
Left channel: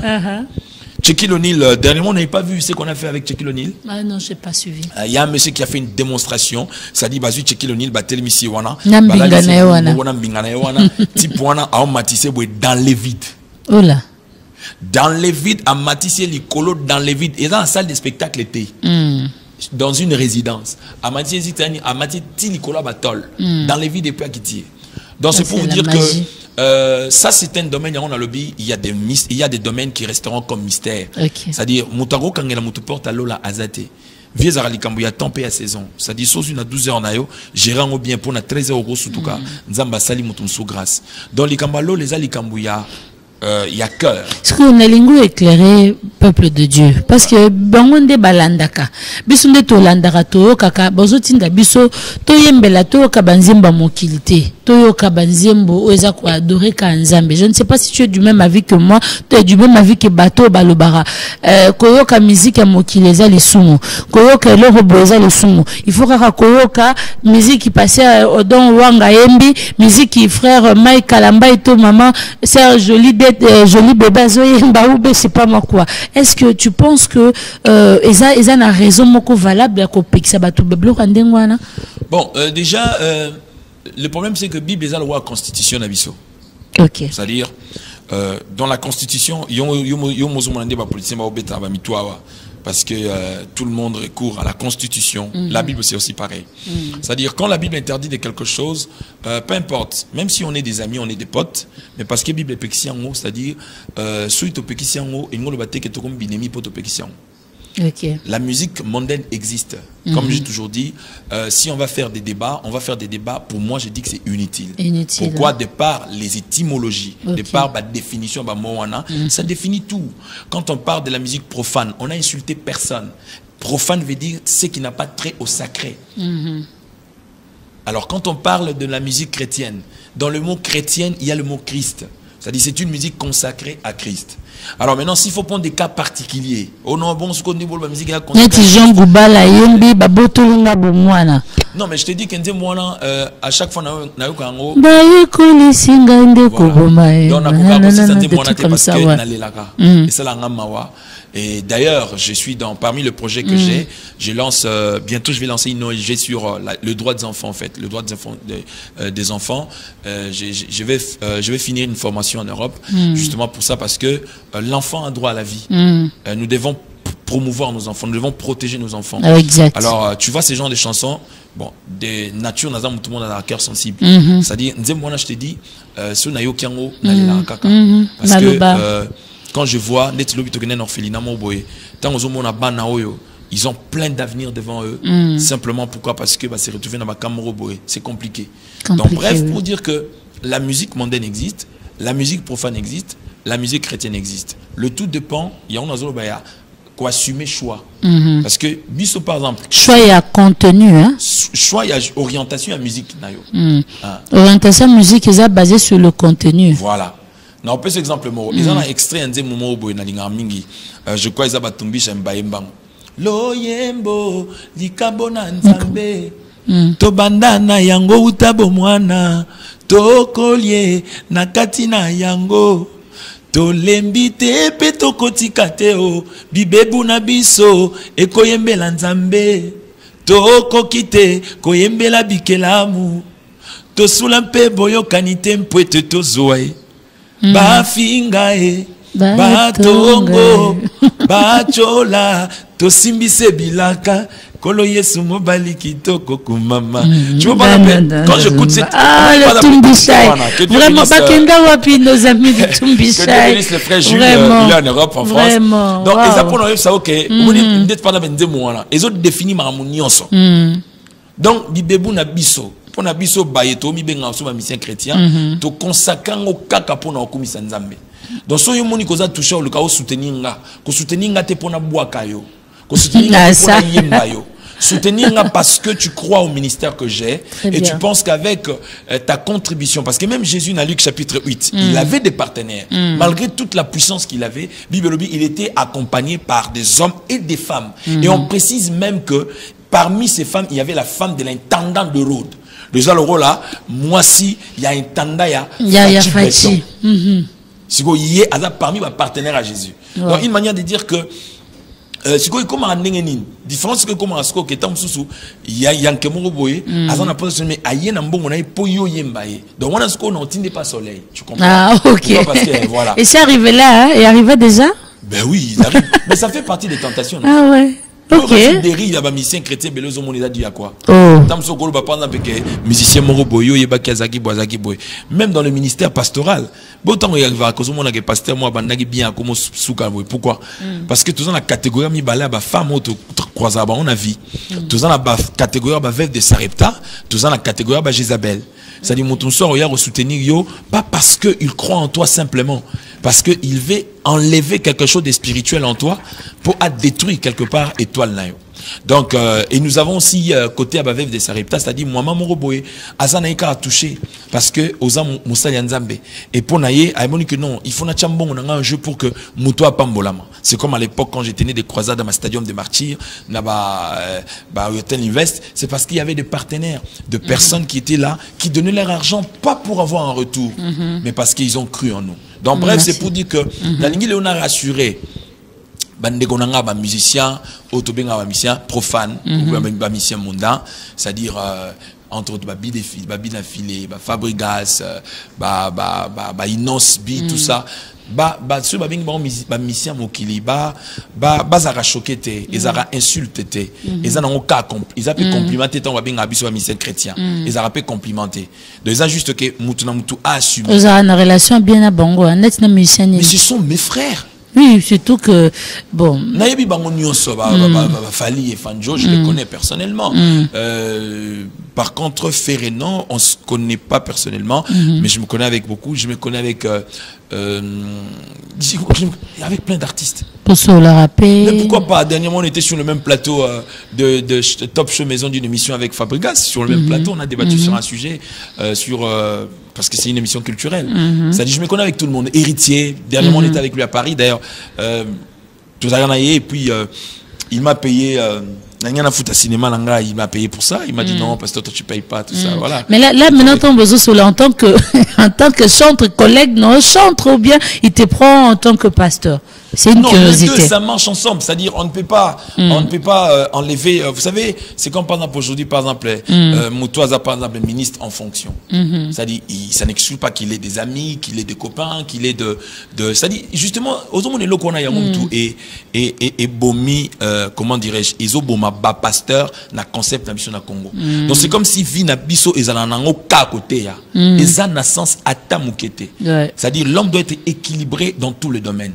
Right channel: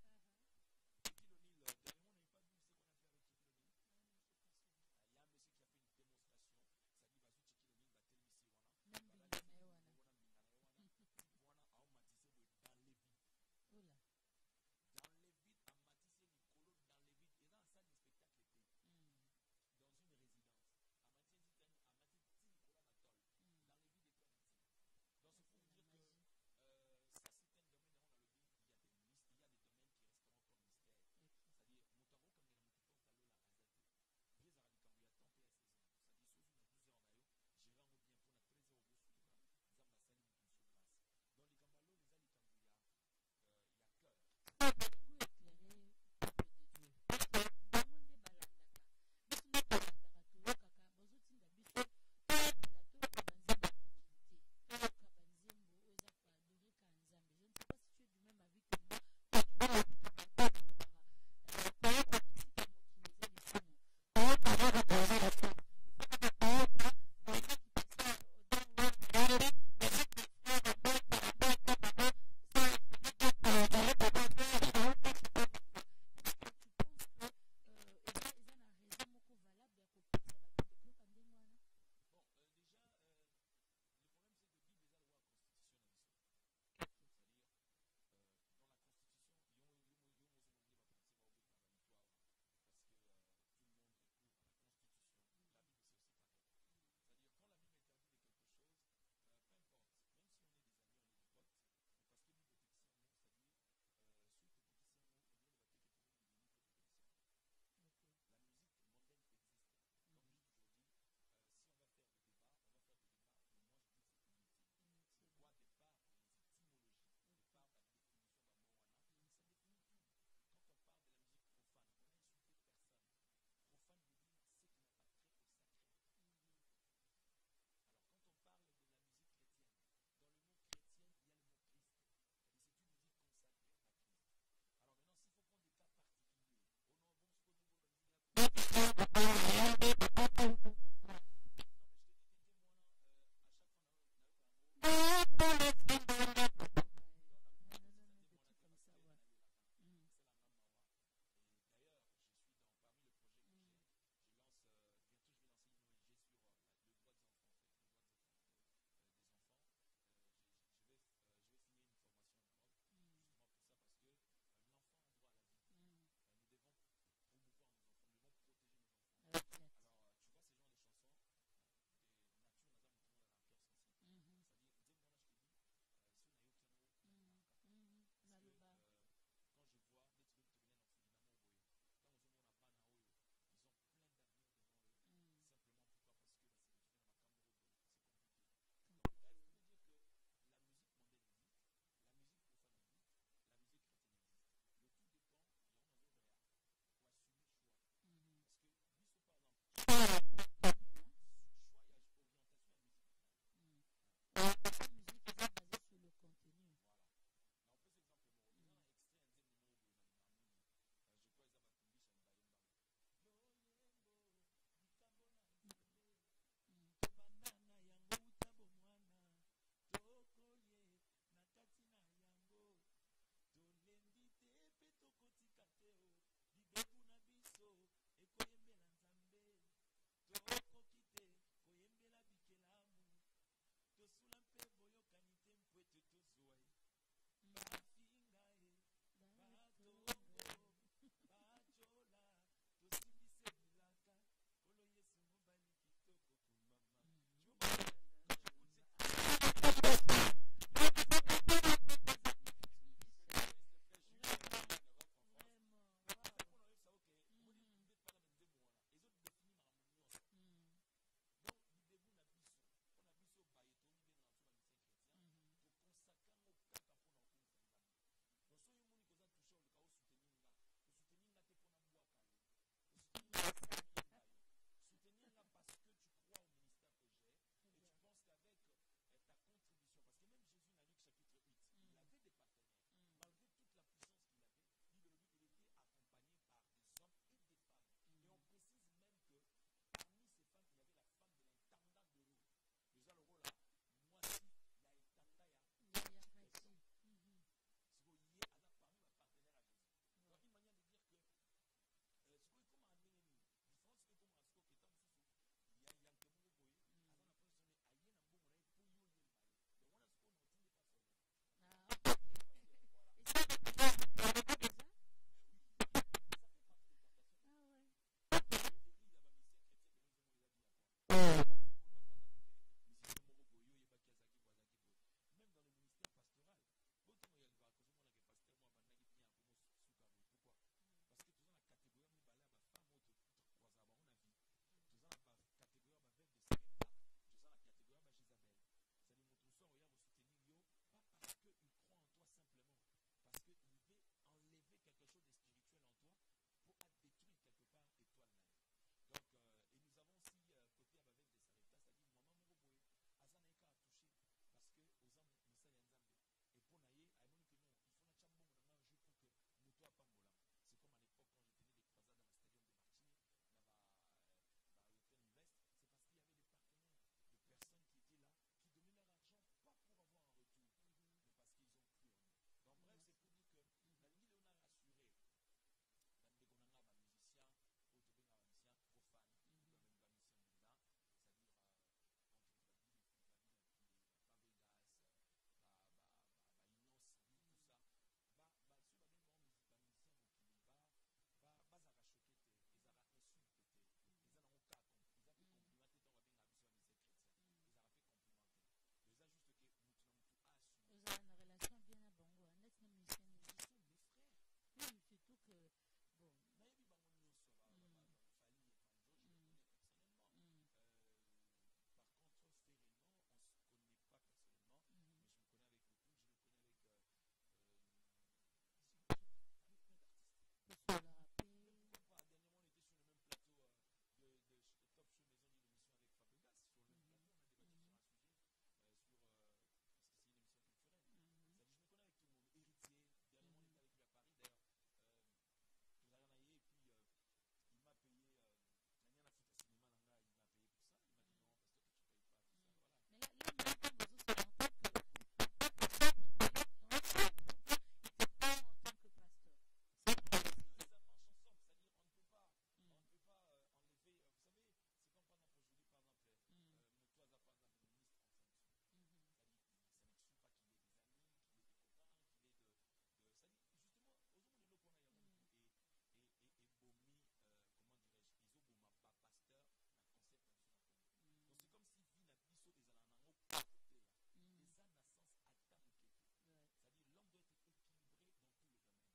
Shaquille O'Neal, dernièrement, on n'avait pas vu ce qu'on a fait avec Shaquille O'Neal. Ah non, je n'ai pas suivi. Il y a un monsieur qui a fait une démonstration. Ça dit, bah, Shaquille O'Neal, bah, tel monsieur, wana. Dans les vides. Oh là. Dans les vides, à Matisse Licolo, dans les vides, et dans la salle de spectacle était. Dans une résidence. À Matisse Licolo Batol. Dans les vides et puis à Kiti. Donc c'est pour vous dire que ça c'est un domaine, on a le il y a des domaines qui resteront comme mystère. C'est-à-dire, Moutaro Kangela Moutouport à Lola Azate. Vieux Aralikambu, il y a tempé à saison. C'est-à-dire, sauf une à 12 heures, gérant au bien pour 13 euros, surtout cas, Nzamba Sali Moutoum sous grâce. Dans les Kambalo, les Alikambu, il y a cœur. Est-ce qu'on a lingu éclairé peuple de Dieu? Parce que bangonde balandaka, bisonde to landaka to kaka bozotinda biso to yembela to kabanzemba mokilité, to kabanzembo oza ko adorer ka nzambe. Je ne sais pas si tu es du même avis que moi, tu es du même avis que bato balobara. Koyoka musique ya mokileza les sumo, koyoka le roboza les sumo. Il faut kaka koyoka musique qui passait dans Wanga Yembi, musique qui frère Mike Kalamba et to maman, c'est joli joli bébé Zoyemba, c'est pas moi quoi. Est-ce que tu penses que Eza n'a raison moko valable ko pekisa batu beblo kandengwana? Bon, déjà le problème c'est que Bible est la loi constitution nabiso. OK. C'est-à-dire dans la constitution parce que tout le monde recourt à la constitution. La Bible c'est aussi pareil. C'est-à-dire quand la Bible interdit de quelque chose, peu importe, même si on est des amis, on est des potes, mais parce que la Bible est pekisiango, c'est-à-dire suite au pekisiango, il nous le battait que tout comme binemi pour pekisiango. Okay. La musique mondaine existe. Comme j'ai toujours dit, si on va faire des débats, pour moi, je dis que c'est inutile. Pourquoi? De par les étymologies, de par la définition, ça définit tout. Quand on parle de la musique profane, on n'a insulté personne. Profane veut dire ce qui n'a pas trait au sacré. Alors, quand on parle de la musique chrétienne, dans le mot chrétienne, il y a le mot Christ. C'est-à-dire c'est une musique consacrée à Christ. Alors maintenant, s'il faut prendre des cas particuliers, oh non, bon, ce qu'on dit, la musique est consacrée. Non, mais je te dis que moi, à chaque fois, et d'ailleurs, je suis parmi le projet que j'ai, je lance, bientôt je vais lancer une ONG sur le droit des enfants en fait, le droit des enfants. Je vais finir une formation en Europe, justement pour ça, parce que l'enfant a droit à la vie. Nous devons promouvoir nos enfants, nous devons protéger nos enfants. Exact. Alors, tu vois ces genres de chansons, bon, des natures, tout le monde a un cœur sensible. C'est-à-dire, je te dis, parce que quand je vois ils ont plein d'avenir devant eux. Simplement pourquoi? Parce que c'est retrouvé dans ma caméra, c'est compliqué. Donc bref, pour dire que la musique mondaine existe, la musique profane existe, la musique chrétienne existe. Le tout dépend, il y a quoi assumer choix. Parce que biso par exemple, choix il y a contenu, hein? Choix il y a orientation à musique orientation à musique est basée sur le contenu. Voilà. Non, on peut exemple ils ont un extrait un moment où je crois ils ont batumbisha mbaembango loyembo likabona nzambe tobandana yango utabo mwana tokolie nakati na yango tolembi te pe tokotika te o bibebu na biso ekoyembela nzambe tokoki te koyembela bikelamu tosula mpe boyokani te mpo ete tozwa bafinga batongo bachola tosimbise bilaka kolo yesu mobali kitoko kumama. Tu vois pas quand j'écoute cette le Tumbichai vraiment bakenda wapi nos amis de Tumbichai que le frère Jules il est en Europe en France donc ils apprennent ça OK on est peut-être pas dans nzemo wana ils ont défini mamunionso donc bibebu na biso pour na biso bayeto mi benga so ba mission chrétien to konsakango kaka pona okumisa nzambe. Donc so yo moni koza toucher le ka soutenir nga ko soutenir nga te pona bwaka yo ko soutenir nga te pona yemba yo soutenir nga parce que tu crois au ministère que j'ai et tu penses qu'avec ta contribution, parce que même Jésus dans Luc chapitre 8 il avait des partenaires malgré toute la puissance qu'il avait, Bible il était accompagné par des hommes et des femmes et on précise même que parmi ces femmes il y avait la femme de l'intendant de Rhodes. Déjà le rôle là, moi si il y a un tanda il y a Fachi. Si vous y êtes parmi mes partenaires à Jésus. Donc une manière de dire que si quoi comment en n'engeni différence que comment asko que tant sous ya yanke moko boye azana pas mais ayen en bon on a poyo yembaye donc on a ce qu'on n'entendait pas soleil tu comprends ah ok parce que, voilà. Et c'est arrivé là hein? Et arrivé déjà ben oui il arrive mais ça fait partie des tentations non? Ah ouais. Ok. Derrière, il y a des musiciens chrétiens, mais les hommes, on a dit à quoi? Oh. Musiciens moroboyo, il y a Kazaki, Boazaki, Boy. Même dans le ministère pastoral, autant il y a cause mon que pasteur moi bandagi bien comme souka boy. Pourquoi? Parce que tous dans la catégorie mi bala ba femme auto croisa ba on a vie. Tous dans la catégorie ba veuve de Sarepta, tous dans la catégorie ba Jézabel. C'est-à-dire mon soeur il y a soutenir yo pas parce que il croit en toi simplement, parce que il veut enlever quelque chose de spirituel en toi pour détruire quelque part étoile nayo. Donc et nous avons aussi côté Abavev de Sarepta, c'est-à-dire moi mon roboé azanaika a touché parce que oza musali nzambe et pour naie a dit que non, il faut na chambon on a un jeu pour que mutoa pambolama. C'est comme à l'époque quand j'étais né des croisades à ma stadium des martyrs na ba Hotel Invest, c'est parce qu'il y avait des partenaires, de personnes qui étaient là qui donnaient leur argent pas pour avoir un retour mais parce qu'ils ont cru en nous. Donc bref, c'est pour dire que la ligne Léonard a rassuré bandegonanga ba musicien autobenga ba musicien profane ba musicien mondain, c'est-à-dire entre autres babi na filé ba Fabregas ba Inos bi tout ça ceux ba musicien mokili ba zara choqué ils zara insulté ils ont cas ils a pu complimenter tant ba benga biso ba musicien chrétien ils a pu complimenter donc ils a juste que mutu na mutu a assumé ils ont une relation bien à bango net na musicien mais ce sont mes frères. Oui, surtout que, bon. Nayebi bango nyonso Fali et Fanjo, je les connais personnellement. Par contre, Ferrenon, on se connaît pas personnellement, mais je me connais avec beaucoup. Je me connais avec plein d'artistes. Pour se le rappeler. Mais pourquoi pas? Dernièrement, on était sur le même plateau de Top Show Maison d'une émission avec Fabregas. Sur le même plateau, on a débattu sur un sujet parce que c'est une émission culturelle. Ça dit, je me connais avec tout le monde. Héritier, dernièrement, on était avec lui à Paris. D'ailleurs, tout à et puis il m'a payé. Il m'a payé pour ça. Il m'a dit non, parce que toi tu payes pas tout ça. Voilà. Mais là maintenant ton besoin sur en tant que chantre collègue, non chantre ou bien il te prend en tant que pasteur. C'est une curiosité. Les deux, ça marche ensemble. C'est-à-dire, on ne peut pas enlever. Vous savez, c'est comme par exemple aujourd'hui, par exemple, Moutouaza, par exemple, ministre en fonction. C'est-à-dire, ça n'exclut pas qu'il ait des amis, qu'il ait des copains, qu'il ait c'est-à-dire, justement, aux hommes de qu'on a Yamoumtou et Bomi, comment dirais-je, Iso Boma ba pasteur na concept na mission na Congo. Donc c'est comme si vi na biso ezanango ka côté ya. Eza na sens atamukete. C'est-à-dire, l'homme doit être équilibré dans tous les domaines.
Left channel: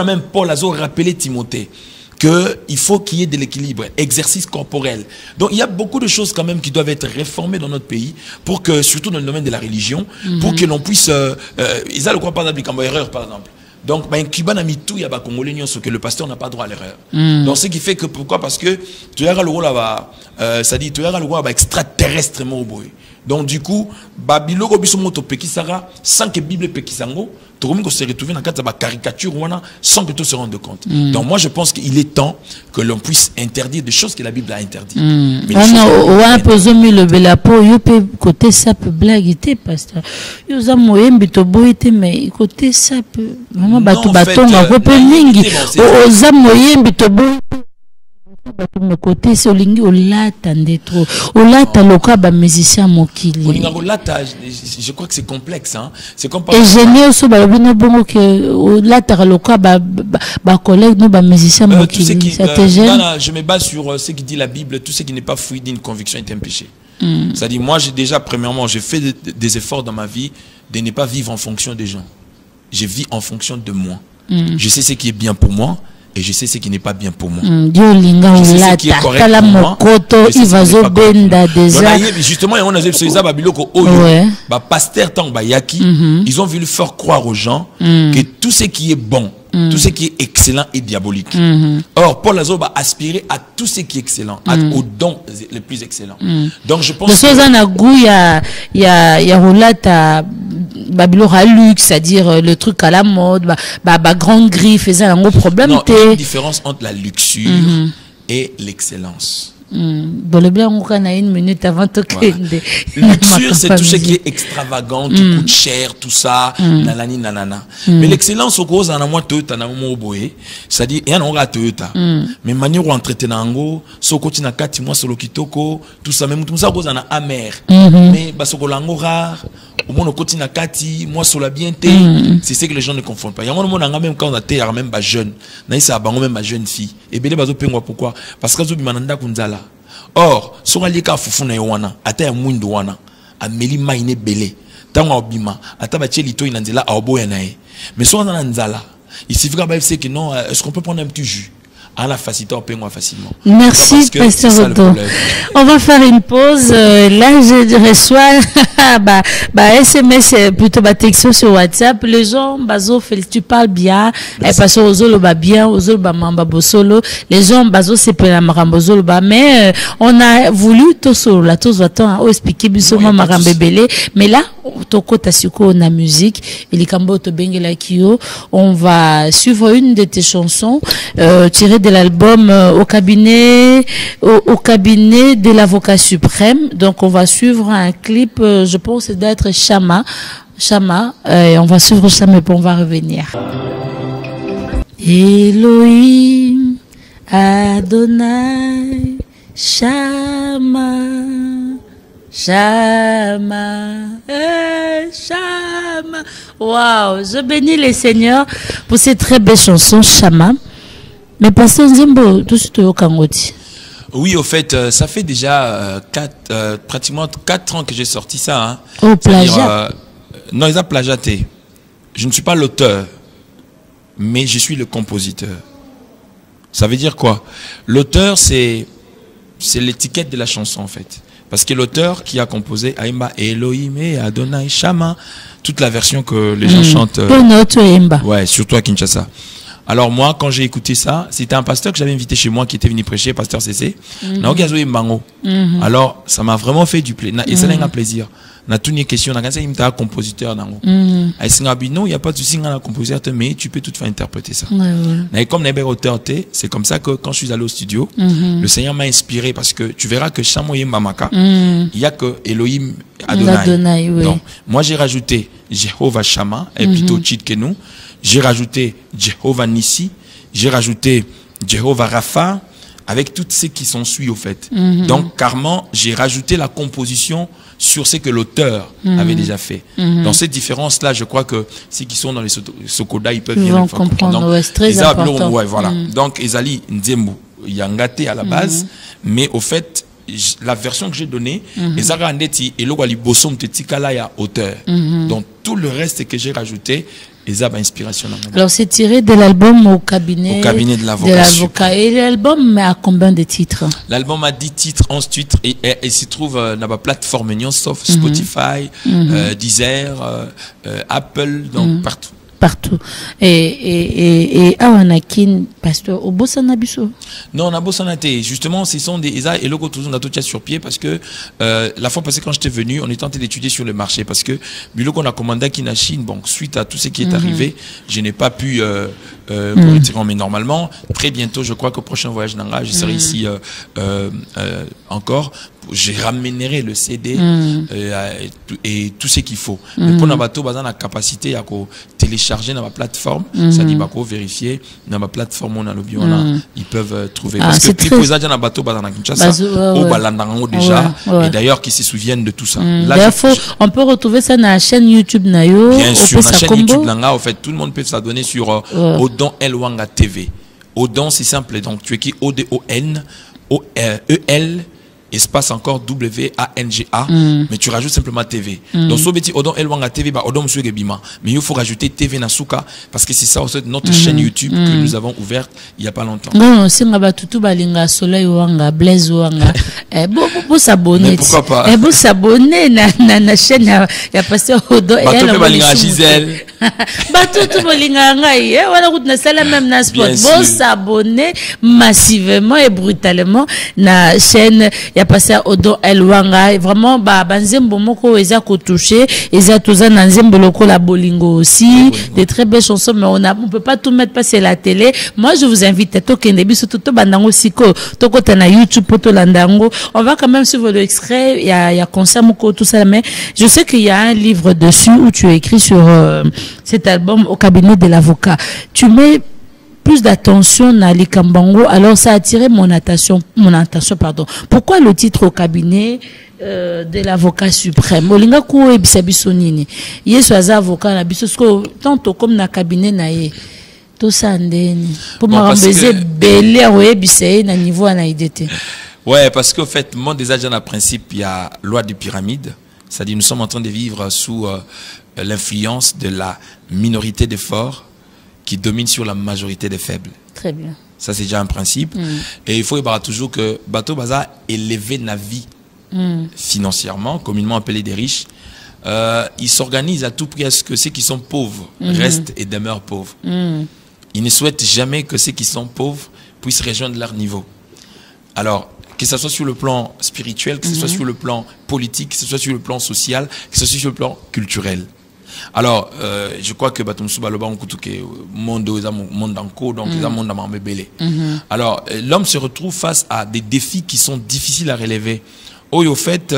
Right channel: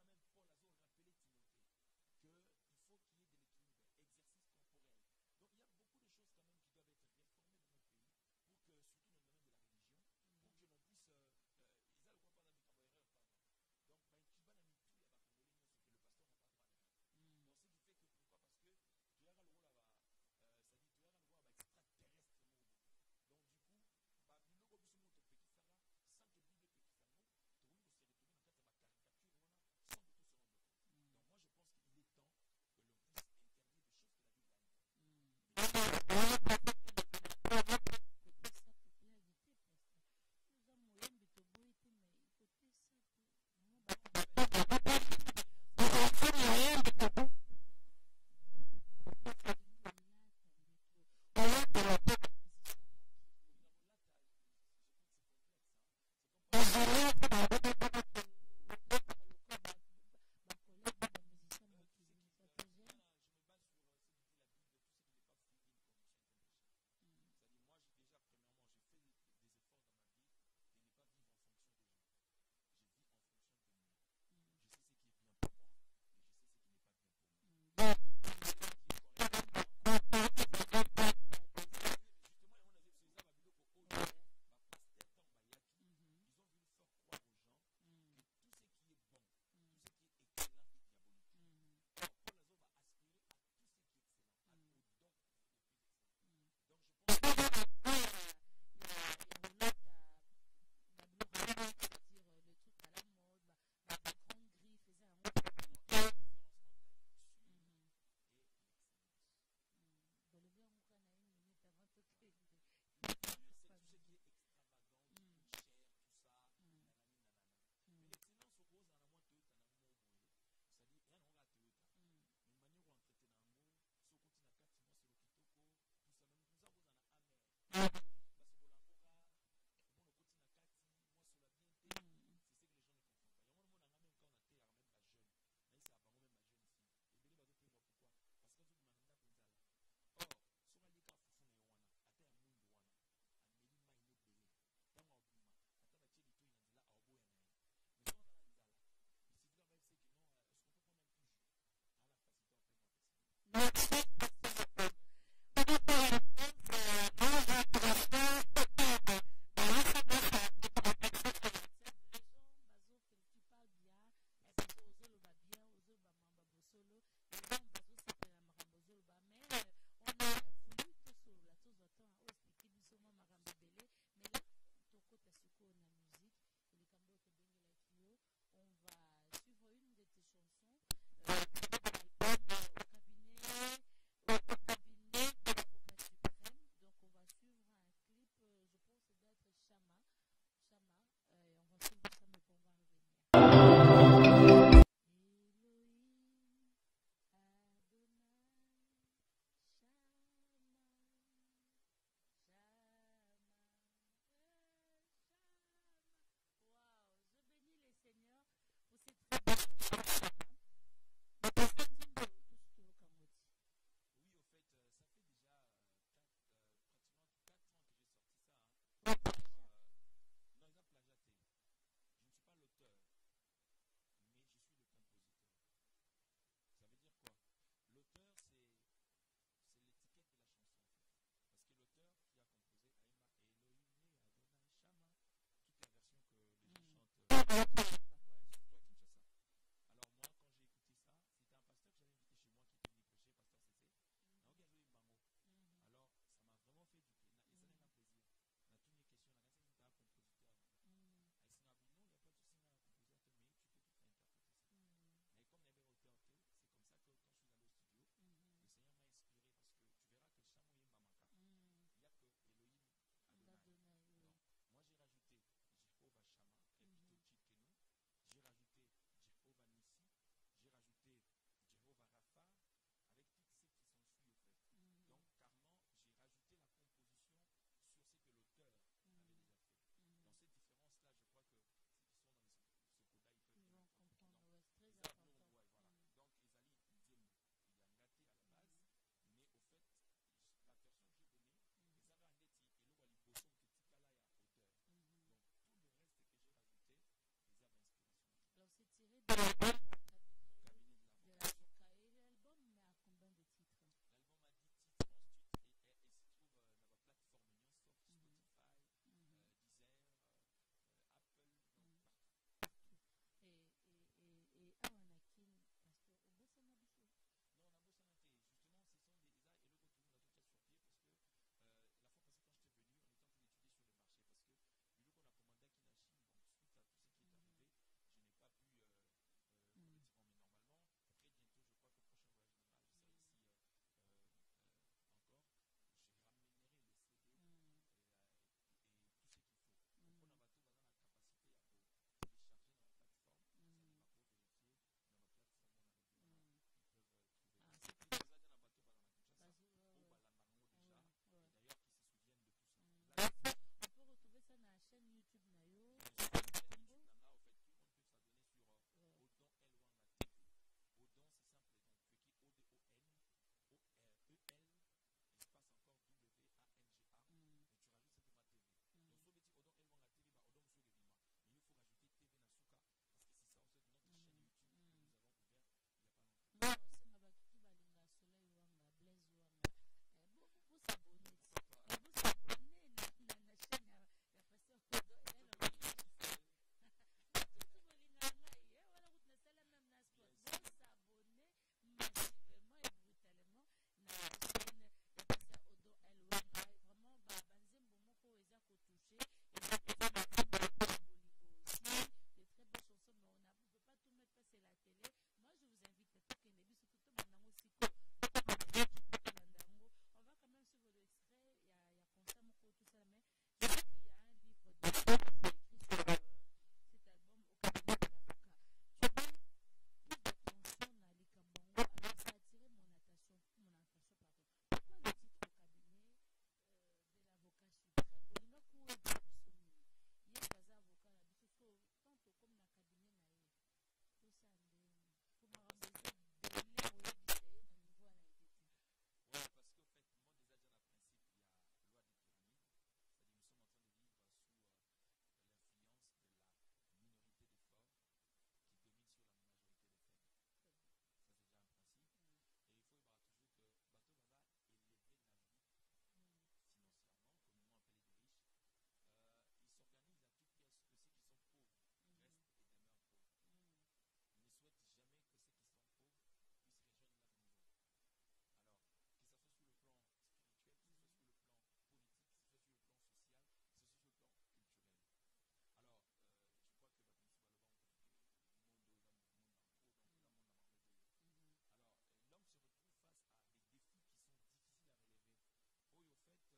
Même Paul a rappelé Timothée qu'il faut qu'il y ait de l'équilibre, exercice corporel. Donc il y a beaucoup de choses quand même qui doivent être réformées dans notre pays pour que, surtout dans le domaine de la religion, pour que l'on puisse... ils ont le droit par exemple comme erreur par exemple. Donc, il y a des Congolais que le pasteur n'a pas droit à l'erreur. Donc, ce qui fait que, pourquoi? Parce que tu as le rôle là-bas, ça dit, tu as le rôle extraterrestrement au bout. Donc, du coup, Babylone, Bisomoto, Pekisara, sans que Bible Pekisango, tout le monde se retrouve dans la caricature sans que tout se rende compte. Donc, moi, je pense qu'il est temps que l'on puisse interdire des choses que la Bible a interdites. Mais un peu le belapo, il peut côté ça peut blaguer, pasteur. Il a moyen de boiter, mais côté ça peut. Vraiment, bateau, on peut pas mingi. Aux a moyen de boiter. Mais côté c'est olingi olata ndetro olata loka ba musicien mokili olinga olata je crois que c'est complexe hein c'est comme et génial so ba bino bongo que olata loka ba collègue no ba musicien mokili ça te gêne? Je me base sur ce qui dit la Bible. Tout ce qui n'est pas fruit d'une conviction est un péché. C'est-à-dire moi premièrement j'ai fait des efforts dans ma vie de ne pas vivre en fonction des gens. Je vis en fonction de moi. Je sais ce qui est bien pour moi et je sais ce qui n'est pas bien pour moi. Je sais ce qui est correct pour moi. Justement, on a pasteur tant bayaki, ils ont voulu faire croire aux gens que tout ce qui est bon, tout ce qui est excellent est diabolique. Or, Paul Azo va aspirer à tout ce qui est excellent, aux dons les plus excellents. Donc, je pense que il y a roulata Babylone luxe, c'est-à-dire le truc à la mode, grande griffe, et ça un gros problème. Non, il y a une différence entre la luxure et l'excellence. Bon, le bien, on a une minute avant de kende. Luxure, c'est tout ce qui est extravagant, qui coûte cher, tout ça, nanani, nanana. Mais l'excellence, au gros, en a moins Toyota, na mo boé. C'est-à-dire, il y a un Toyota. Mais manière où entretenir en soko tina kati, moi, solo kitoko, tout ça, même tout ça, gros, en a amer. Mais, bah, soko lango rare, au moins, au na kati, moi, solo bien té. C'est ce que les gens ne confondent pas. Il y a un moment, même quand on a té, même, bah, jeune. Naïsa, bah, même, bah, jeune fille. Et bien, bah, pourquoi? Parce que, mananda kunzala. Or, son alika fufuna yowana, ata ya mwindu wana, ameli maine bele, tango obima, ata bache lito inanzela aoboya nae. Mais son ananzala, il suffit que non, est-ce qu'on peut prendre un petit jus? À la facilité, on peut moins facilement. Merci, Pasteur Odo. On va faire une pause. Là, je reçois SMS, plutôt texto sur WhatsApp. Les gens, bazo, tu parles bien. Parce que Ozolo va bien, Ozolo va mamba bosolo. Les gens, bazo, c'est pas la marambozolo ba. Mais on a voulu tout solo, la tous va-t-on expliquer bisoma marambebele. Mais là, toko tasuko on a musique. Et les kambo to bengela kio. On va suivre une de tes chansons tirées de l'album au cabinet de l'avocat suprême. Donc on va suivre un clip, je pense d'être Chama, et on va suivre Chama et puis on va revenir. Elohim Adonai Chama, waouh, je bénis les seigneurs pour cette très belle chanson Chama. Mais Pasteur Nzembo, tout ce au Kangoti. Oui, au fait, ça fait déjà pratiquement 4 ans que j'ai sorti ça. Hein. Au plagiat. Non, ils ont plagiaté. Je ne suis pas l'auteur, mais je suis le compositeur. Ça veut dire quoi? L'auteur, c'est l'étiquette de la chanson, en fait. Parce que l'auteur qui a composé Aïmba Elohim et Adonai Chama, toute la version que les gens chantent. Ouais, surtout à Kinshasa. Alors moi, quand j'ai écouté ça, c'était un pasteur que j'avais invité chez moi qui était venu prêcher, pasteur CC. Alors, ça m'a vraiment fait du plaisir. Et ça a un plaisir. Na toutes les questions, na quand il compositeur nango. Non, il n'y a pas de souci dans la compositeur, mais tu peux tout faire interpréter ça. Et comme n'est auteur, c'est comme ça que quand je suis allé au studio, le Seigneur m'a inspiré parce que tu verras que Chamoye Mamaka, il y a que Elohim Adonai. Donc, moi j'ai rajouté Jéhovah Shama, et plutôt cheat que nous. J'ai rajouté Jéhovah Nissi, j'ai rajouté Jéhovah Rapha, avec toutes ces qui sont suivis au fait. Donc, carrément, j'ai rajouté la composition sur ce que l'auteur avait déjà fait. Dans cette différence-là, je crois que ceux qui sont dans les Sokoda, ils peuvent bien comprendre. Donc, c'est très important. Ouais, voilà. Donc, Ezali Nzembo, Yangate à la base, mais au fait, la version que j'ai donnée, Ezara Andeti et Logwali Bosom Tetikala auteur. Donc, tout le reste que j'ai rajouté, inspiration. Alors c'est tiré de l'album au cabinet de l'avocat. Et l'album a combien de titres? L'album a 10 titres, 11 titres et s'y trouve dans la plateforme sauf Spotify, Deezer, Apple, donc partout. Et Awanakin, pasteur, au Bossanabiso? Non, on a Bossanate. Justement, ce sont des Isa et logo toujours on a sur pied parce que la fois passée quand j'étais venu, on est tenté d'étudier sur le marché parce que Buloko on a commandé à la Chine. Bon, suite à tout ce qui est arrivé, je n'ai pas pu mais normalement, très bientôt, je crois qu'au prochain voyage Nanga, je serai ici encore. Je ramènerai le CD et tout ce qu'il faut. Mais pour Nabato, on a la capacité à télécharger dans ma plateforme. Ça dit qu'on vérifier dans ma plateforme on a le bio ils peuvent trouver. Parce que plus posage dans Nabato, dans Kinshasa, au Balandango déjà. Et d'ailleurs, qui se souviennent de tout ça. Là, on peut retrouver ça dans la chaîne YouTube Nayo. Bien sûr, dans la chaîne YouTube Nanga, en fait, tout le monde peut s'abonner sur Odon Elwanga TV. Odon, c'est simple. Donc, tu écris O-D-O-N, O-E-L. Espace encore W-A-N-G-A, mais tu rajoutes simplement TV. Donc, si tu Odon Elwanga TV, Odon Monsieur Gebima. Mais il faut rajouter TV Nasuka, parce que c'est ça aussi notre chaîne YouTube que nous avons ouverte il n'y a pas longtemps. Non, c'est tout balinga soleil wanga blaze wanga. Bon s'abonner. Pourquoi pas? Bon s'abonner na chaîne ya pasteur Odon Elwanga. Balinga Gisèle. Tout balinga ngai. Voilà route na sala même na spot. Bon s'abonner massivement et brutalement na chaîne ya pasteur Odo Elwanga vraiment banzembo moko eza ko toucher eza toza na nzembo loko la bolingo aussi des très belles chansons mais on peut pas tout mettre passer la télé. Moi je vous invite à tokende biso to bandango siko tokota na YouTube poto landango. On va quand même suivre l'extrait, il y a concert moko tout ça mais je sais qu'il y a un livre dessus où tu as écrit sur cet album Au cabinet de l'avocat. Tu mets plus d'attention à Likambango, alors ça a attiré mon attention, pardon. Pourquoi le titre Au cabinet de l'avocat suprême? Olinga ko ebisa biso nini? Yesu aza avocat na biso tanto comme na cabinet na ye. Tout ça ndeni. Pour m'embêter belé oebisa na niveau na IDT. Ouais, parce qu'au fait, mon déjà dans le principe, il y a loi de pyramide. C'est-à-dire nous sommes en train de vivre sous l'influence de la minorité des forts qui domine sur la majorité des faibles. Très bien. Ça, c'est déjà un principe. Et il faut y avoir toujours que Bateau Baza élevé la vie financièrement, communément appelé des riches. Ils s'organisent à tout prix à ce que ceux qui sont pauvres restent et demeurent pauvres. Ils ne souhaitent jamais que ceux qui sont pauvres puissent rejoindre leur niveau. Alors, que ce soit sur le plan spirituel, que ce soit sur le plan politique, que ce soit sur le plan social, que ce soit sur le plan culturel. Alors, je crois que alors, l'homme se retrouve face à des défis qui sont difficiles à relever. Au fait,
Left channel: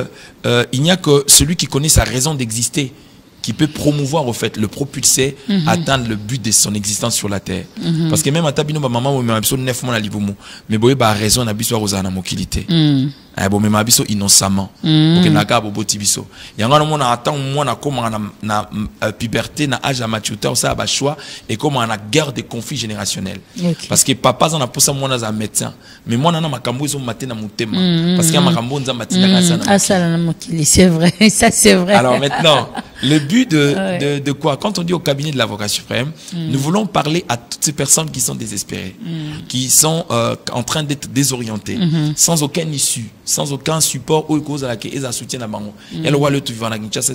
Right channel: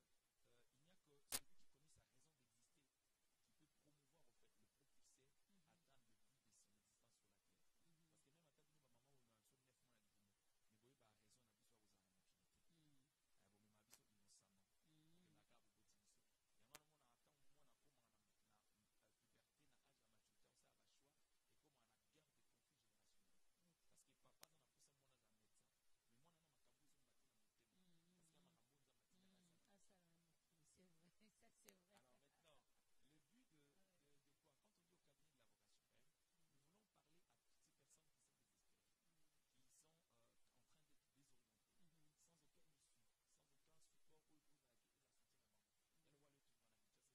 il n'y a que celui qui connaît sa raison d'exister qui peut promouvoir au fait, le propulser, atteindre le but de son existence sur la terre. Parce que même à Tabino, maman, mais abso 9 mois la libumu, mais boye ba raison na biso rozana mokilité. Bon mais ma biso innocemment. Pour que naka bobo tibiso. Yanga no mona attend moi na comment na puberté na âge à maturité ça ba choix et comment on a guerre de conflits générationnels. Parce que papa en a posa moi na médecin, mais moi na makambo zo maté na mutema parce que makambo nza matina ka sana. Na mokili, c'est vrai, ça c'est vrai. Alors maintenant, le but de quoi? Quand on dit au cabinet de l'avocat suprême, nous voulons parler à toutes ces personnes qui sont désespérées, qui sont en train d'être désorientées, sans aucune issue, sans aucun support ou cause à laquelle ils soutiennent la banque. Elle voit le tout vivant à Kinshasa,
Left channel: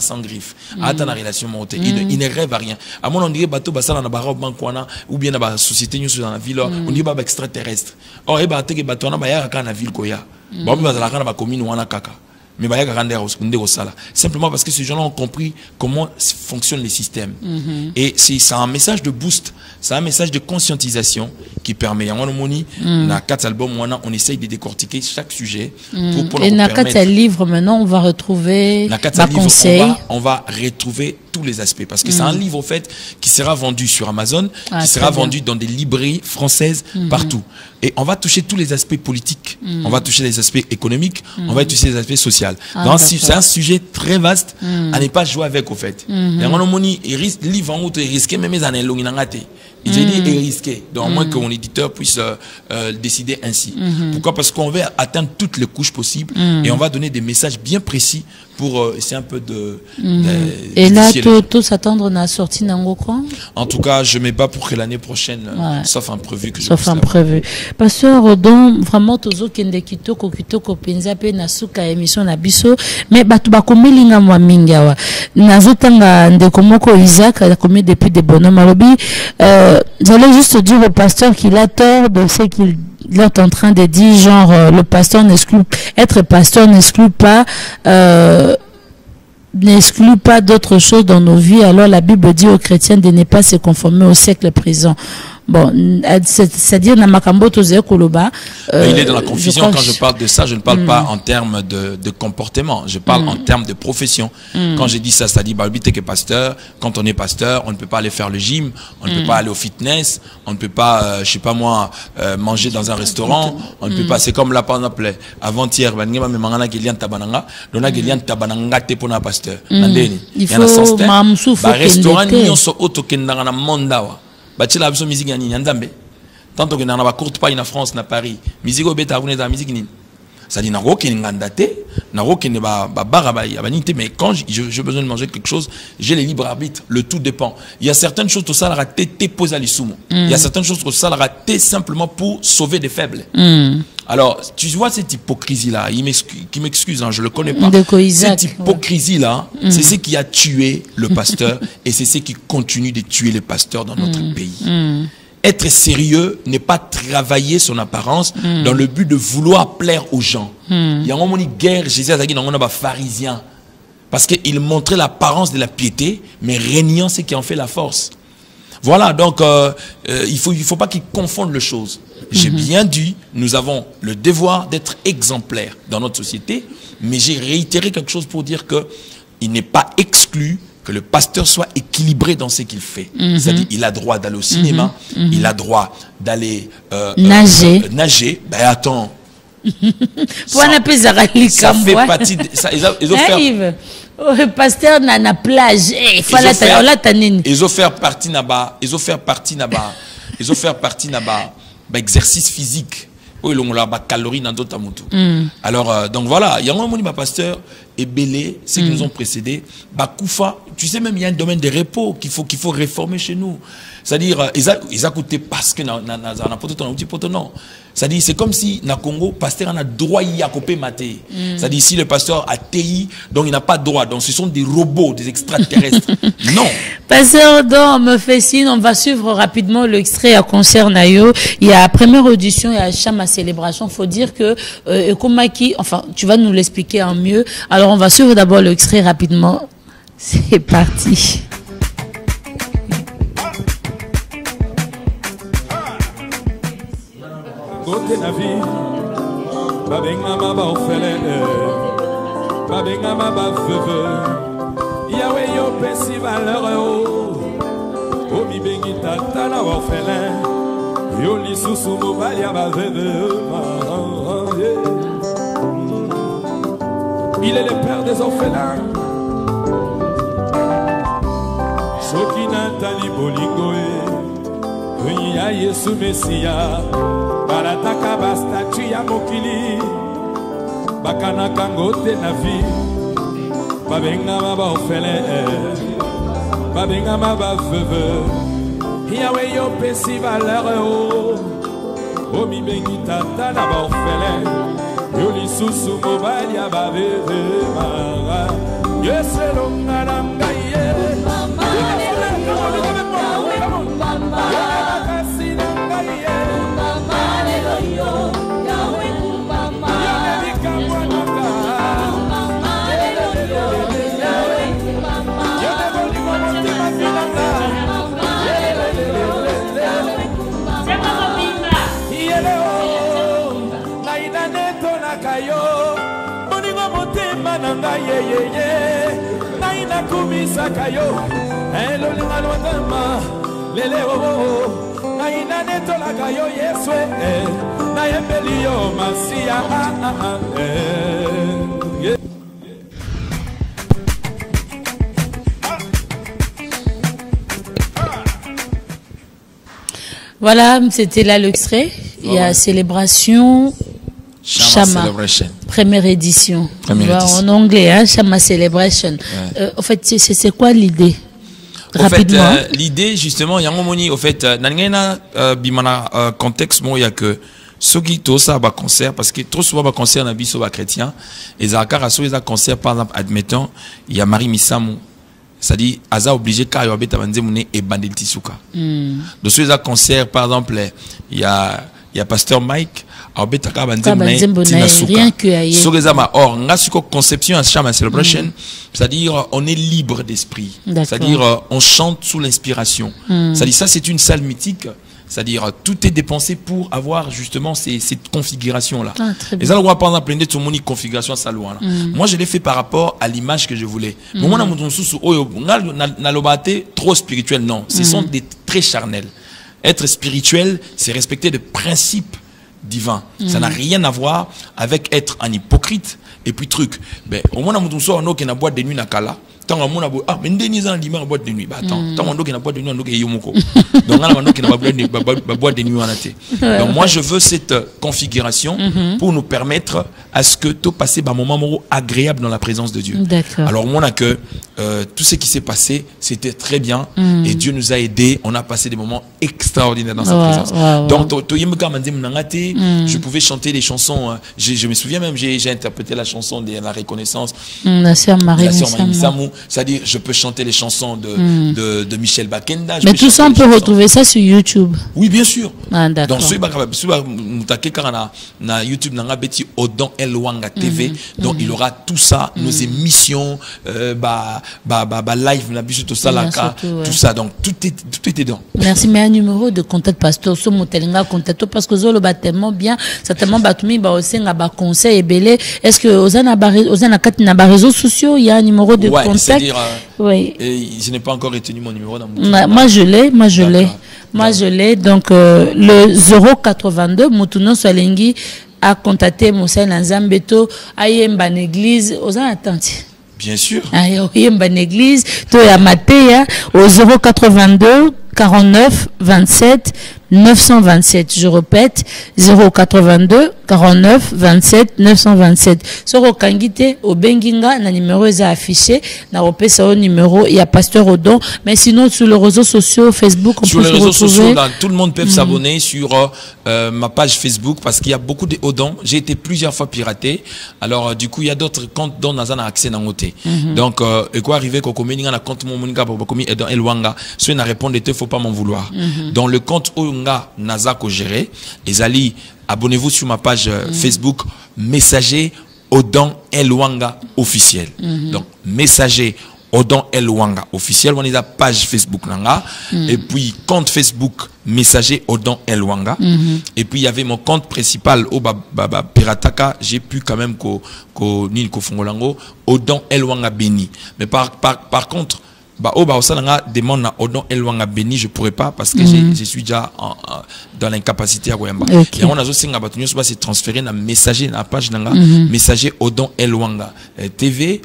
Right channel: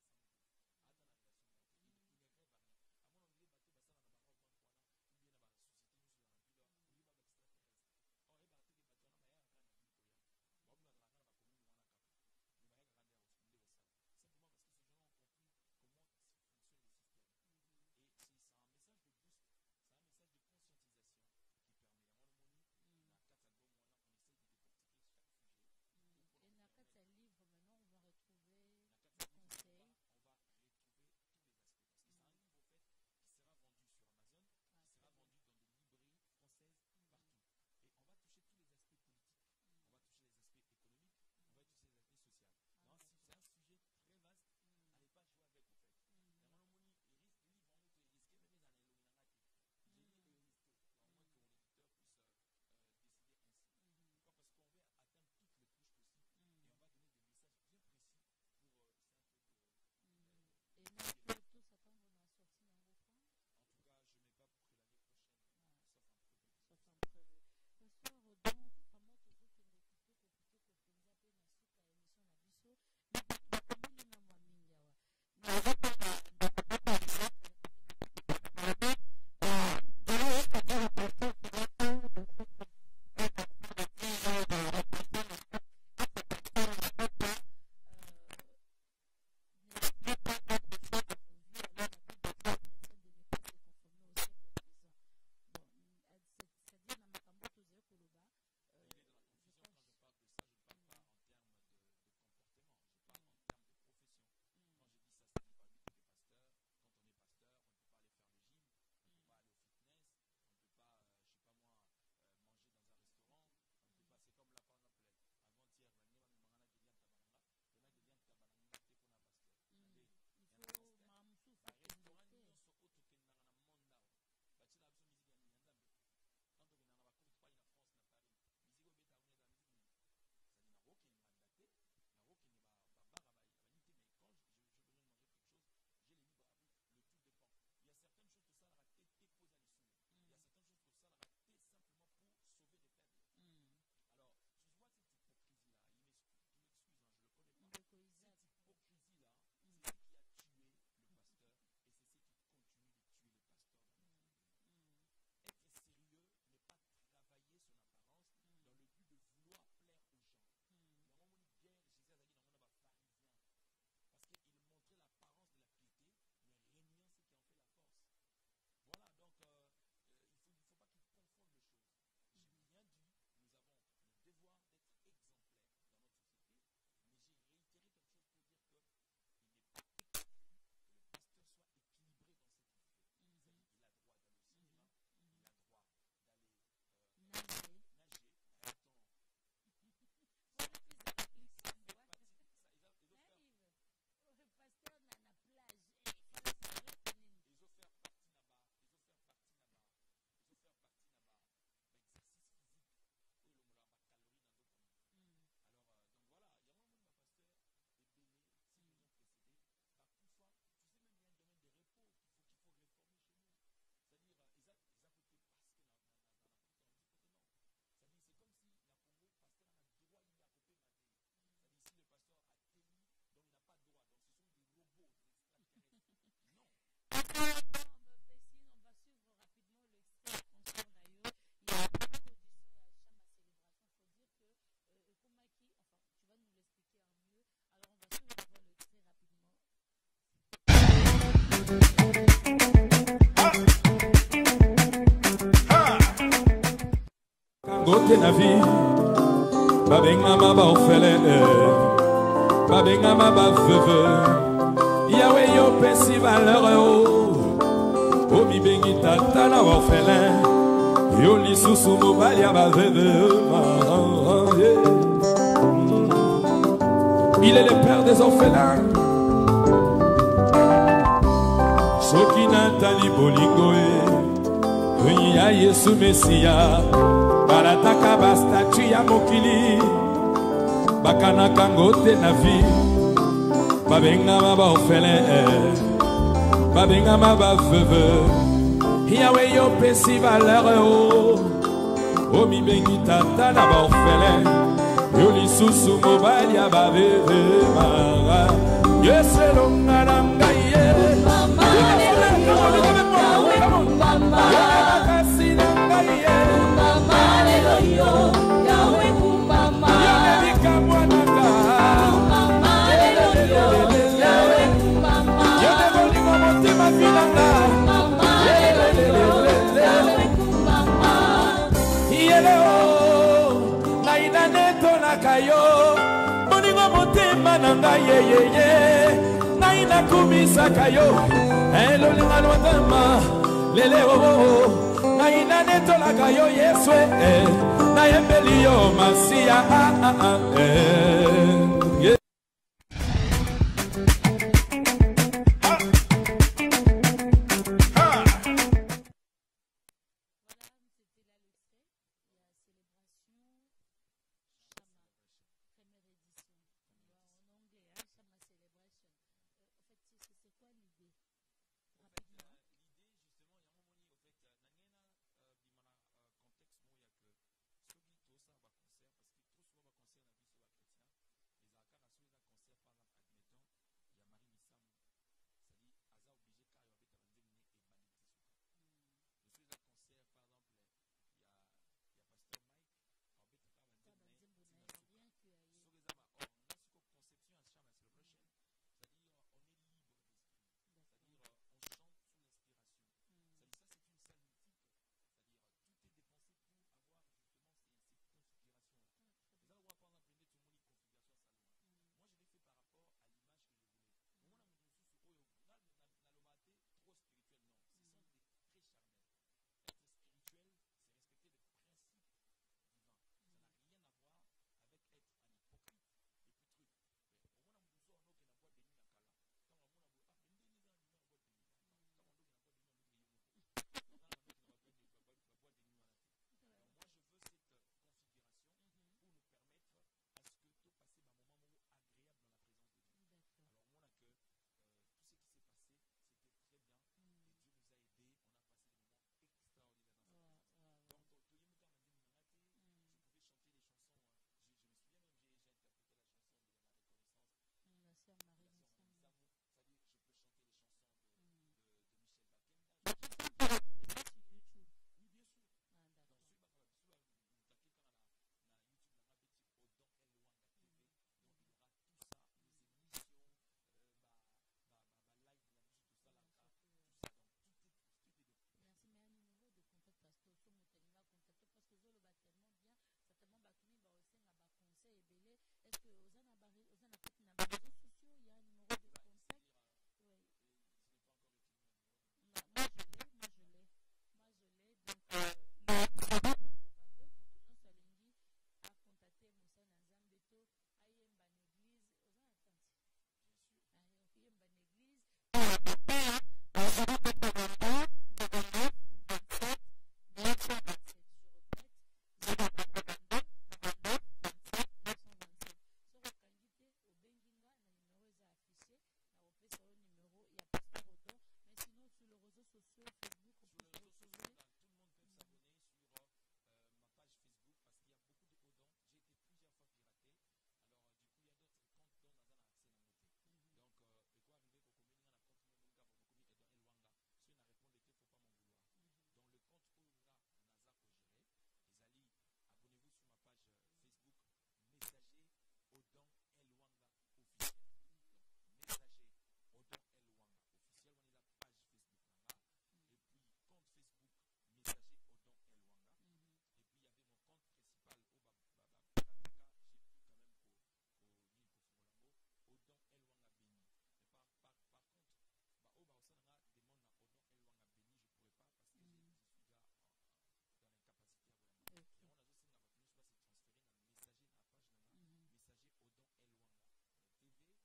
sans griffe, attend la relation montée. Il ne rêve à rien. À mon on dirait bateau basala na barre bankwana ou bien na société nous dans la ville, on dit baba extraterrestre. Or et bateau que bateau na baya ka na ville koya. Bon bazala ka na commune wana kaka. Mais simplement parce que ces gens-là ont compris comment fonctionne les systèmes. Et c'est un message de boost, c'est un message de conscientisation qui permet. Dans 4 albums, on essaye de décortiquer chaque sujet. Et dans 4 livres, maintenant, on va retrouver des conseils. On va retrouver tous les aspects. Parce que c'est un livre, au fait, qui sera vendu sur Amazon, qui sera vendu dans des librairies françaises partout. Et on va toucher tous les aspects politiques, on va toucher les aspects économiques, on va toucher les aspects sociaux. C'est un sujet très vaste à ne pas jouer avec, au fait. Il risque même les années longues. Il est risqué, donc au moins que mon éditeur puisse décider ainsi. Pourquoi? Parce qu'on veut atteindre toutes les couches possibles et on va donner des messages bien précis pour essayer un peu de... Et là, tout s'attendre à la sortie d'Ango quoi? En tout cas, je ne mets pas pour que l'année prochaine, sauf imprévu. Sauf imprévu. Pasteur, donc, vraiment, tozo kende kitoko penza pe na suka émission na biso, mais batu bakomelinga mwa mingawa. Nazotanga ndeko moko Isaac, a commis depuis des bonhommes malobi. J'allais juste dire au pasteur qu'il a tort de ce qu'il est en train de dire, genre, le pasteur être pasteur n'exclut pas d'autres choses dans nos vies. Alors la Bible dit aux chrétiens de ne pas se conformer au siècle présent. Bon, c'est-à-dire, il est dans la confusion quand je parle de ça. Je ne parle pas en termes de comportement. Je parle en termes de profession. Quand je dis ça, c'est-à-dire, que pasteur, quand on est pasteur, on ne peut pas aller faire le gym, on ne peut pas aller au fitness, on ne peut pas, je sais pas moi, manger dans un restaurant, on ne peut pas, c'est comme là, par exemple, avant-hier, il faut bachela biso musique nini nzambe tanto que na ba courte paille na France na Paris musique obeta abune za musique nini ça dit na roki ngandate na roki ne ba barabai abanité mais quand j'ai besoin de manger quelque chose j'ai le libre arbitre, le tout dépend. Il y a certaines choses tout ça la raté pose à l'isumo, il y a certaines choses tout ça la raté simplement pour sauver des faibles. Alors, tu vois cette hypocrisie-là, qui m'excuse, hein, je ne le connais pas. Cette hypocrisie-là, c'est ce qui a tué le pasteur et c'est ce qui continue de tuer les pasteurs dans notre pays. être sérieux n'est pas travailler son apparence dans le but de vouloir plaire aux gens. Il y a une guerre, Jésus a dit dans un pharisien. Parce qu'il montrait l'apparence de la piété, mais régnant ce qui en fait la force. Voilà, donc il faut pas qu'ils confondent les choses. J'ai bien dit, nous avons le devoir d'être exemplaires dans notre société, mais j'ai réitéré quelque chose pour dire que il n'est pas exclu que le pasteur soit équilibré dans ce qu'il fait. C'est-à-dire il a droit d'aller au cinéma, il a droit d'aller nager. Ben attends. Ça fait partie de ça. Ils ont fait pasteur na plage. Ils ont fait partie là-bas. Ils ont fait partie là-bas. Ils ont fait partie là-bas. Exercice physique. Oui, on a calories dans d'autres amoutous. Alors, donc voilà, il y a un moment pasteur et Bélé, ceux qui nous ont précédés, Bakoufa, tu sais même il y a un domaine de repos qu'il faut réformer chez nous. C'est-à-dire, ils ont coûté parce que non. C'est-à-dire, c'est comme si, dans le Congo, le pasteur a droit à couper maté. C'est-à-dire, si le pasteur a TI, donc il n'a pas droit. Donc, ce sont des robots, des extraterrestres. Non. Pasteur, donc, me fait signe, on va suivre rapidement l'extrait à concert Nayo. Il y a la première audition, il y a Chama Célébration. Il faut dire que, Komaki, enfin, tu vas nous l'expliquer en mieux. Alors, on va suivre d'abord l'extrait rapidement. C'est parti. Côté na vie, babenga maba ofele, babenga maba veve. Yahweh yo pesi valeur o mi bengi tata na ofele. Yo li susu mobali ya baveve. Il est le père des orphelins. Soki Nathalie Bolingo e ya Yesu Messia. Barataka bastatu ya mokili bakana kangote na vi babenga maba ofele babenga maba veve Yahweh yo pesi valeur o mi bengi tata na ba ofele yo lisusu mobali ya baveve mara yeselo ngaranga ye naina kumisa kayo elo lingalwatama lele o naina netola kayo yeswe na yembelio masia Voilà, c'était là l'extrait. Il y a Célébration Chama, première édition. En anglais, hein, Chama Celebration. Ouais. En fait, c'est quoi l'idée? Rapidement. En fait, l'idée, justement, il y a un moment, au fait, dans le contexte, il y a que ceux qui ont ça à concert, parce que trop souvent, concert dans les chrétiens, et ils ont concert, par exemple, admettons, il y a Marie Missamou. C'est-à-dire, Aza obligé car il y a des et bandel tisuka. Donc, sur les concerts, par exemple, il y a Pasteur Mike, rien que sur les amas. Or, on a une conception à Chama Celebration, c'est-à-dire, on est libre d'esprit. C'est-à-dire, on chante sous l'inspiration. C'est-à-dire, ça, c'est une salle mythique. C'est-à-dire, tout est dépensé pour avoir justement cette configuration-là. Et ça, on va par exemple, tout le monde configuration à loi. Moi, je l'ai fait par rapport à l'image que je voulais. Mais moi, trop spirituel, non. Ce sont des traits charnels. Être spirituel, c'est respecter des principes divins. Ça n'a rien à voir avec être un hypocrite et puis truc. Ben, au moins, on a une boîte de nuit à Kala. Tant on a ah mais ndeni za ndima boîte de nuit bah attends tant on doki na boîte de nuit on doki yomoko donc on doki na boîte de nuit on a été donc moi je veux cette configuration pour nous permettre à ce que tout passer un moment agréable dans la présence de Dieu. Alors on a que tout ce qui s'est passé c'était très bien et Dieu nous a aidés, on a passé des moments extraordinaires dans sa présence. Donc je pouvais chanter des chansons, je me souviens même j'ai interprété la chanson de la reconnaissance, la sœur Marie Missamou. c'est-à-dire je peux chanter les chansons de Michel Bakenda. Mais tout ça, on peut retrouver ça sur YouTube. Oui, bien sûr. Ah, d'accord. Donc, na YouTube, na beti Odon Elwanga TV. Donc, il aura tout ça, nos émissions, live, tout ça, tout ça. Donc, tout est dedans. Merci. Mais un numéro de contact, pasteur, so motelinga contact, parce que Zolo bat tellement bien, certainement batumi, aussi, n'a conseil et belé. Est-ce que Ozana réseaux sociaux, il y a un numéro de contact? C'est-à-dire, oui. Je n'ai pas encore retenu mon numéro dans mon Moi, je l'ai. Donc, le 082, Moutuno Solengi a contacté Moussa Nanzambeto, Ayemba Église, aux attentes. Bien sûr. Ayemba Église, Toya Matéa, au 082 49 27 927. Je répète, 082 49 27 927. Soro Kangite, au Benginga, na numéro est affiché, na repesa au numéro, il y a Pasteur Odon, mais sinon sur les réseaux sociaux, Facebook, on sur peut les réseaux sociaux, là, tout le monde peut s'abonner s'abonner sur ma page Facebook parce qu'il y a beaucoup de Odon. J'ai été plusieurs fois piraté. Alors, du coup, il y a d'autres comptes dont on a accès dans côté. Donc, et quoi arriver qu'au commun, un compte mon monika pour commis Edon Elwanga, soit n'a répondu, il faut pas m'en vouloir. Dans le compte Onga Naza ko géré, et abonnez-vous sur ma page Facebook, Messager Odon Elwanga officiel. Donc, Messager Odon Elwanga officiel, on est la page Facebook nanga, et puis compte Facebook Messager Odon Elwanga, et puis il y avait mon compte principal au Pirataka, j'ai pu quand même Nil Kofongolango Odon Elwanga Beni. Mais par contre, demande na Odon Elwanga Beni, je pourrais pas parce que je suis déjà dans l'incapacité à Goyamba. Et on a aussi se transférer na messager na page nanga messager Odon Elwanga TV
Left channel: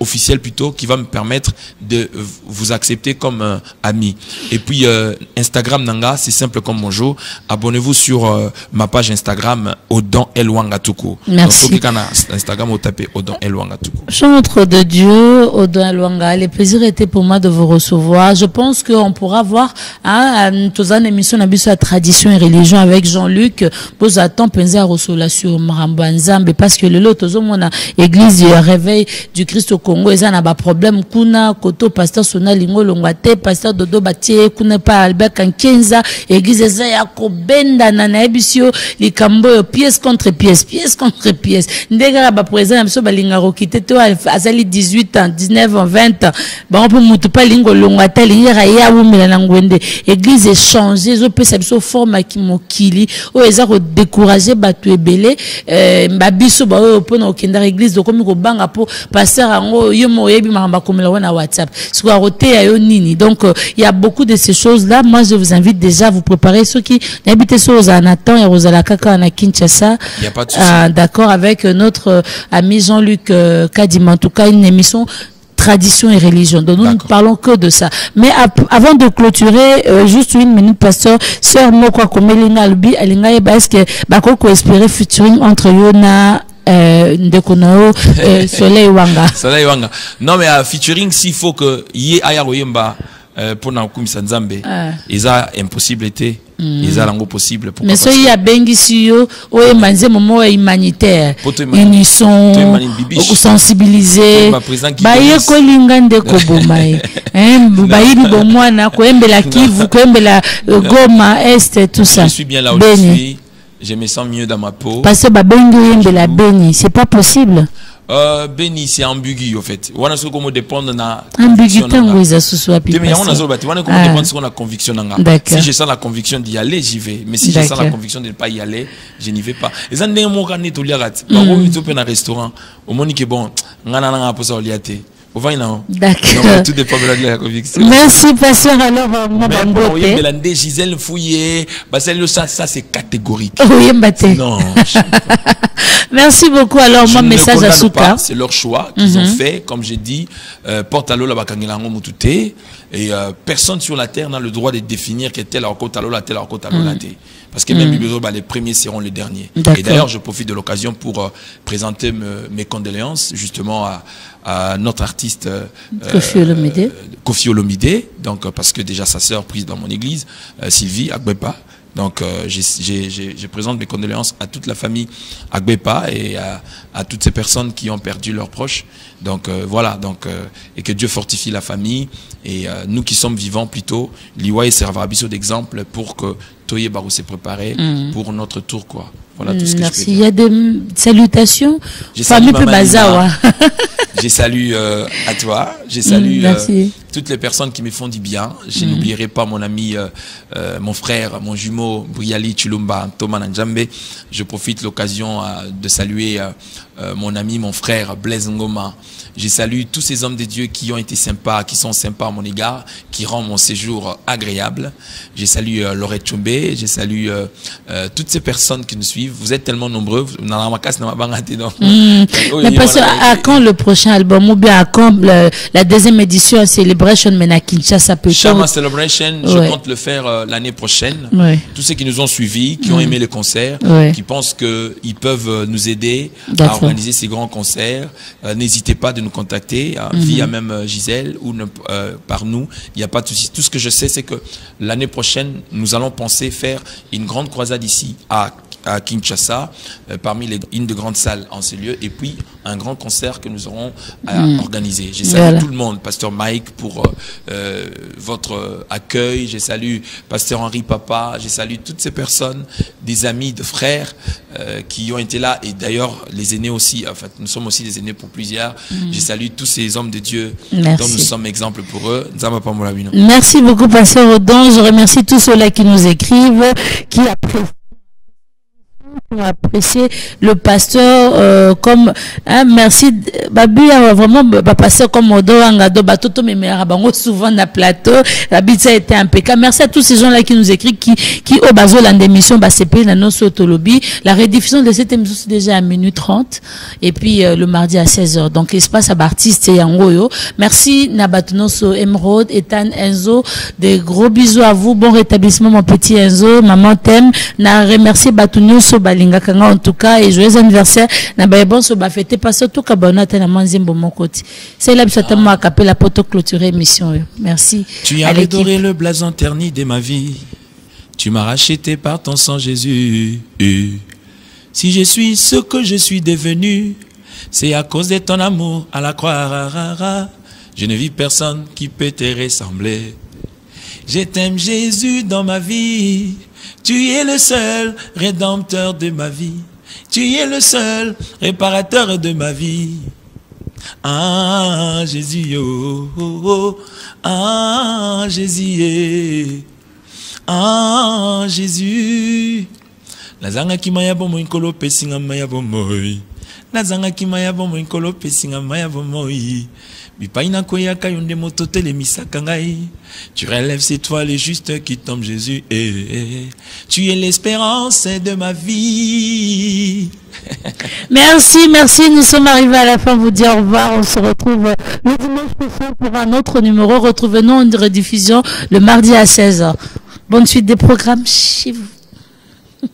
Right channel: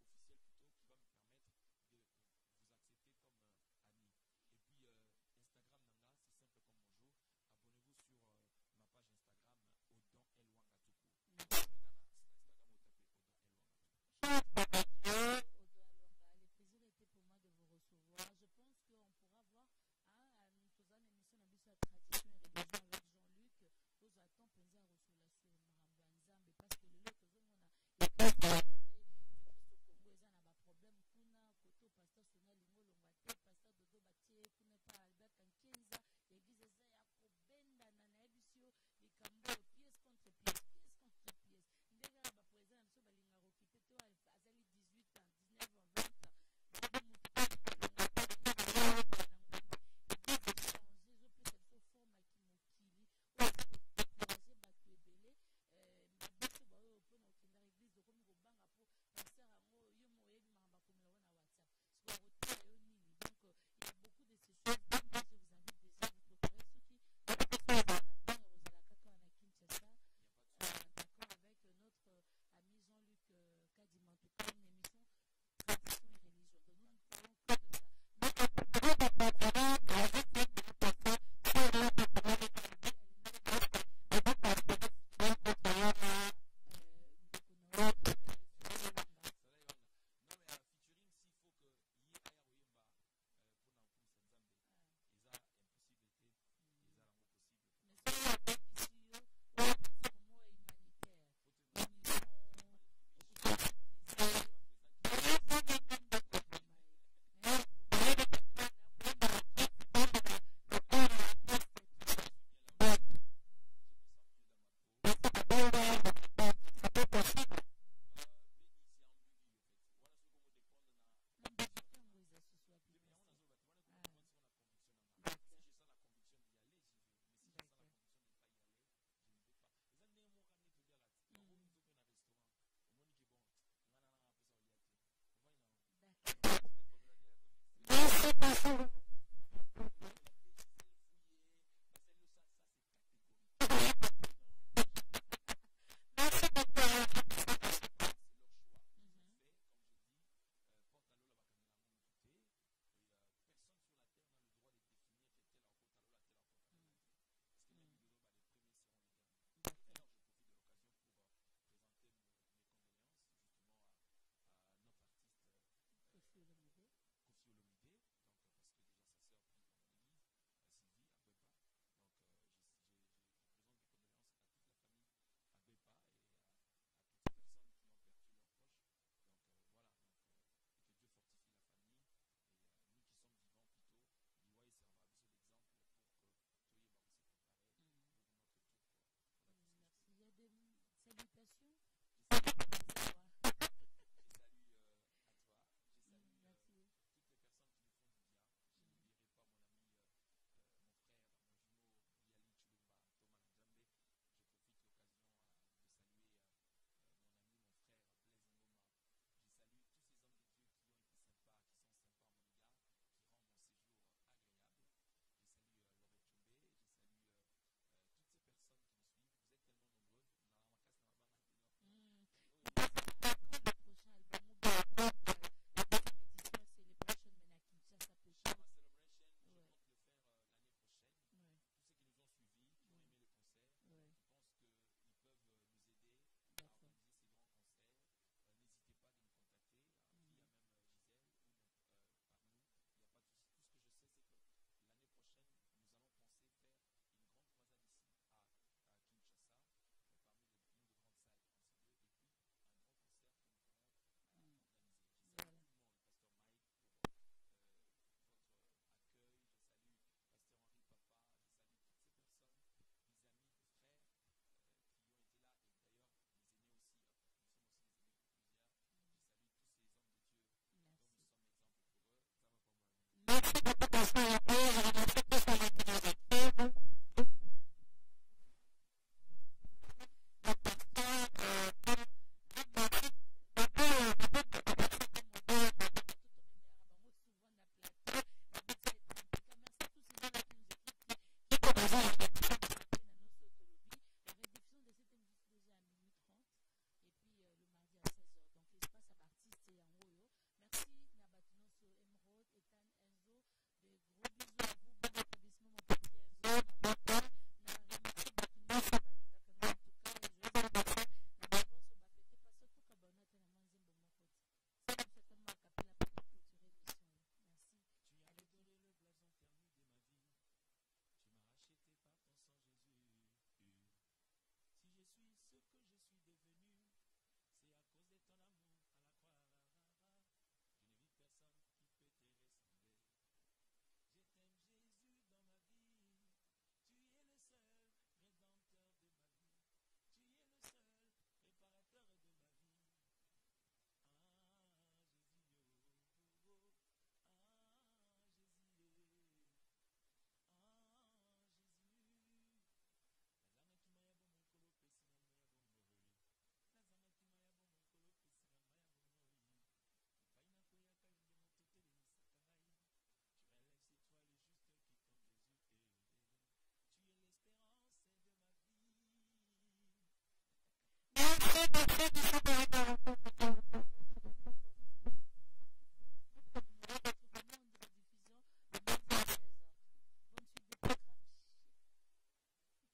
officiel plutôt, qui va me permettre de vous accepter comme ami. Et puis Instagram nanga, c'est simple comme bonjour. Abonnez-vous sur ma page Instagram Odon Elwanga Tuku. Merci. Donc, Instagram vous tapez Odon Elwanga Tuku. Chantre de Dieu, Odon Elwanga, le plaisir était pour moi de vous recevoir. Je pense qu'on pourra voir une émission de la tradition et religion avec Jean-Luc. Vous attendez penser à Rosola sur Maramba Nzambe parce que le lot mon église du réveil du Christ au Congo, ils ont un problème. Kuna koto pasteur Sona Lingo Longwate, pasteur Dodo Batie, kuna pas Albert Kankenza, église eza ya kobenda na ebisio likambo pièce contre pièce, pièce contre pièce. Ndega ba président biso balinga rokite to azali 18 ans, 19 ans, 20 ans. Ba on mutu pa lingo Longwate linga ya wumela na ngwende. Église est changée, zo pesa biso forme ki mokili, o eza ko décourager batu ebele, ba biso ba o pona okenda église do komi ko banga po pasteur ango yo mo yebi maramba komela wana WhatsApp. Soit roté ayo nini. Donc il y a beaucoup de ces choses là. Moi je vous invite déjà à vous préparer, ceux qui n'habitent sur Ozanatan et Rosalakaka na Kinshasa. Il y a pas de souci. D'accord, avec notre ami Jean-Luc Kadima. En tout cas, une émission tradition et religion. Donc nous ne parlons que de ça. Mais avant de clôturer, juste une minute, pasteur, sœur Mokwa Komelinga Albi, Alinga Eba, est-ce que Bakoko espérer featuring entre Yona Ndekonao, Soleil Wanga? Soleil Wanga. Non, mais featuring, s'il faut que Yé Ayaroyemba pour Naokumisa Nzambe, ils ont impossibilité. Ils ont possible. Mais ce y a bengi siyo, oye manze momo humanitaire. Ils sont sensibilisés. Baye ko linga ndeko bomae. Baye bi bomwana ko embela Kivu, ko embela Goma Est, tout ça. Je suis bien là où je suis. Je me sens mieux dans ma peau. Parce que babengi embela Beni, c'est pas possible. Beni, c'est ambigu en fait. On a ce qu'on dépend de la conviction. On a conviction. Si je sens la conviction d'y aller, j'y vais. Mais si je sens la conviction de ne pas y aller, je n'y vais pas. Et ça n'est pas un restaurant. Au monde qui est bon, on a un peu ça au liaté. D'accord. Tout dépend de la conviction. Merci, pasteur. Alors, Gisèle Fouillé, ça c'est catégorique. Oui, non. Merci beaucoup. Alors, mon message à Souka. C'est leur choix qu'ils ont fait. Comme j'ai dit, porte à l'eau la bakangilango mutute. Et personne sur la terre n'a le droit de définir que tel a côte à l'eau, tel a côte à l'eau, parce que même les premiers seront les derniers. Et d'ailleurs, je profite de l'occasion pour présenter mes condoléances justement à notre artiste Kofi Olomide. Donc parce que déjà sa sœur prise dans mon église, Sylvie Agbepa, Donc, je présente mes condoléances à toute la famille Agbepa et à toutes ces personnes qui ont perdu leurs proches. Donc, voilà. Donc, et que Dieu fortifie la famille. Et nous qui sommes vivants plutôt, l'Iwa servira d'exemple pour que Toye Barou s'est préparé pour notre tour, quoi. Voilà tout ce que merci. je peux dire. Il y a des salutations. Je salue Famille Bazawa. Je salue à toi. Je salue toutes les personnes qui me font du bien. Je n'oublierai pas mon ami, mon frère, mon jumeau, Briali Chulumba, Thomas Nanjambe. Je profite de l'occasion de saluer mon ami, mon frère, Blaise Ngoma. Je salue tous ces hommes de Dieu qui ont été sympas, qui sont sympas à mon égard, qui rendent mon séjour agréable. Je salue Laurette Chumbe, je salue toutes ces personnes qui nous suivent. Vous êtes tellement nombreux. Mais parce à quand le prochain album ou bien à quand la deuxième édition Celebration Mena Kinshasa peut-être? Shama Celebration, je compte le faire l'année prochaine. Ouais. Tous ceux qui nous ont suivis, qui ont aimé le concert, qui pensent qu'ils peuvent nous aider à organiser ces grands concerts, n'hésitez pas de nous contacter via même Gisèle ou par nous. Il n'y a pas de souci. Tout ce que je sais, c'est que l'année prochaine, nous allons penser faire une grande croisade ici à Kinshasa, parmi une de grandes salles en ces lieux, et puis un grand concert que nous aurons à organiser. Je salue tout le monde, Pasteur Mike pour votre accueil, je salue Pasteur Henri Papa, je salue toutes ces personnes, des amis, de frères qui ont été là, et d'ailleurs les aînés aussi, en fait, nous sommes aussi des aînés pour plusieurs. Je salue tous ces hommes de Dieu dont nous sommes exemples pour eux. Merci beaucoup, Pasteur Odon. Je remercie tous ceux-là qui nous écrivent, qui apprécier le pasteur comme merci babu vraiment pasteur comme Odo Angado batoto memera bango souvent na plateau l'habitude a été impeccable. Merci à tous ces gens là qui nous écrivent qui au bazo l'émission basepe na noso tolobi. La rediffusion de cette émission c'est déjà à 1h30 et puis le mardi à 16h, donc espace à artiste yangoyo. Merci Nabatunoso Emerald Ethan Enzo, des gros bisous à vous, bon rétablissement mon petit Enzo, maman t'aime. Na remercier Batunoso Balinga Kanga en tout cas, et joyeux anniversaire na bon so ba fêter pas surtout kabona tena manzimbo mon côté. C'est là que moi capé la poto clôturer émission. Merci. Tu as adoré le blason terni de ma vie. Tu m'as racheté par ton sang Jésus. Si je suis ce que je suis devenu, c'est à cause de ton amour à la croix. Je ne vis personne qui peut te ressembler. Je t'aime Jésus dans ma vie. Tu es le seul rédempteur de ma vie. Tu es le seul réparateur de ma vie. Ah, Jésus, oh, oh, oh. Ah, Jésus, ah, Jésus. Lazanga ki maya bomo inkolo pesinga maya bomoy. Lazanga ki maya bomo inkolo pesinga maya bomoy. Bipaina koya kayonde mototele misakangai. Tu relèves ces toiles justes qui tombent, Jésus. Tu es l'espérance de ma vie. Merci. Nous sommes arrivés à la fin. Vous dire au revoir. On se retrouve le dimanche prochain pour un autre numéro. Retrouvez-nous en rediffusion le mardi à 16h. Bonne suite des programmes chez vous.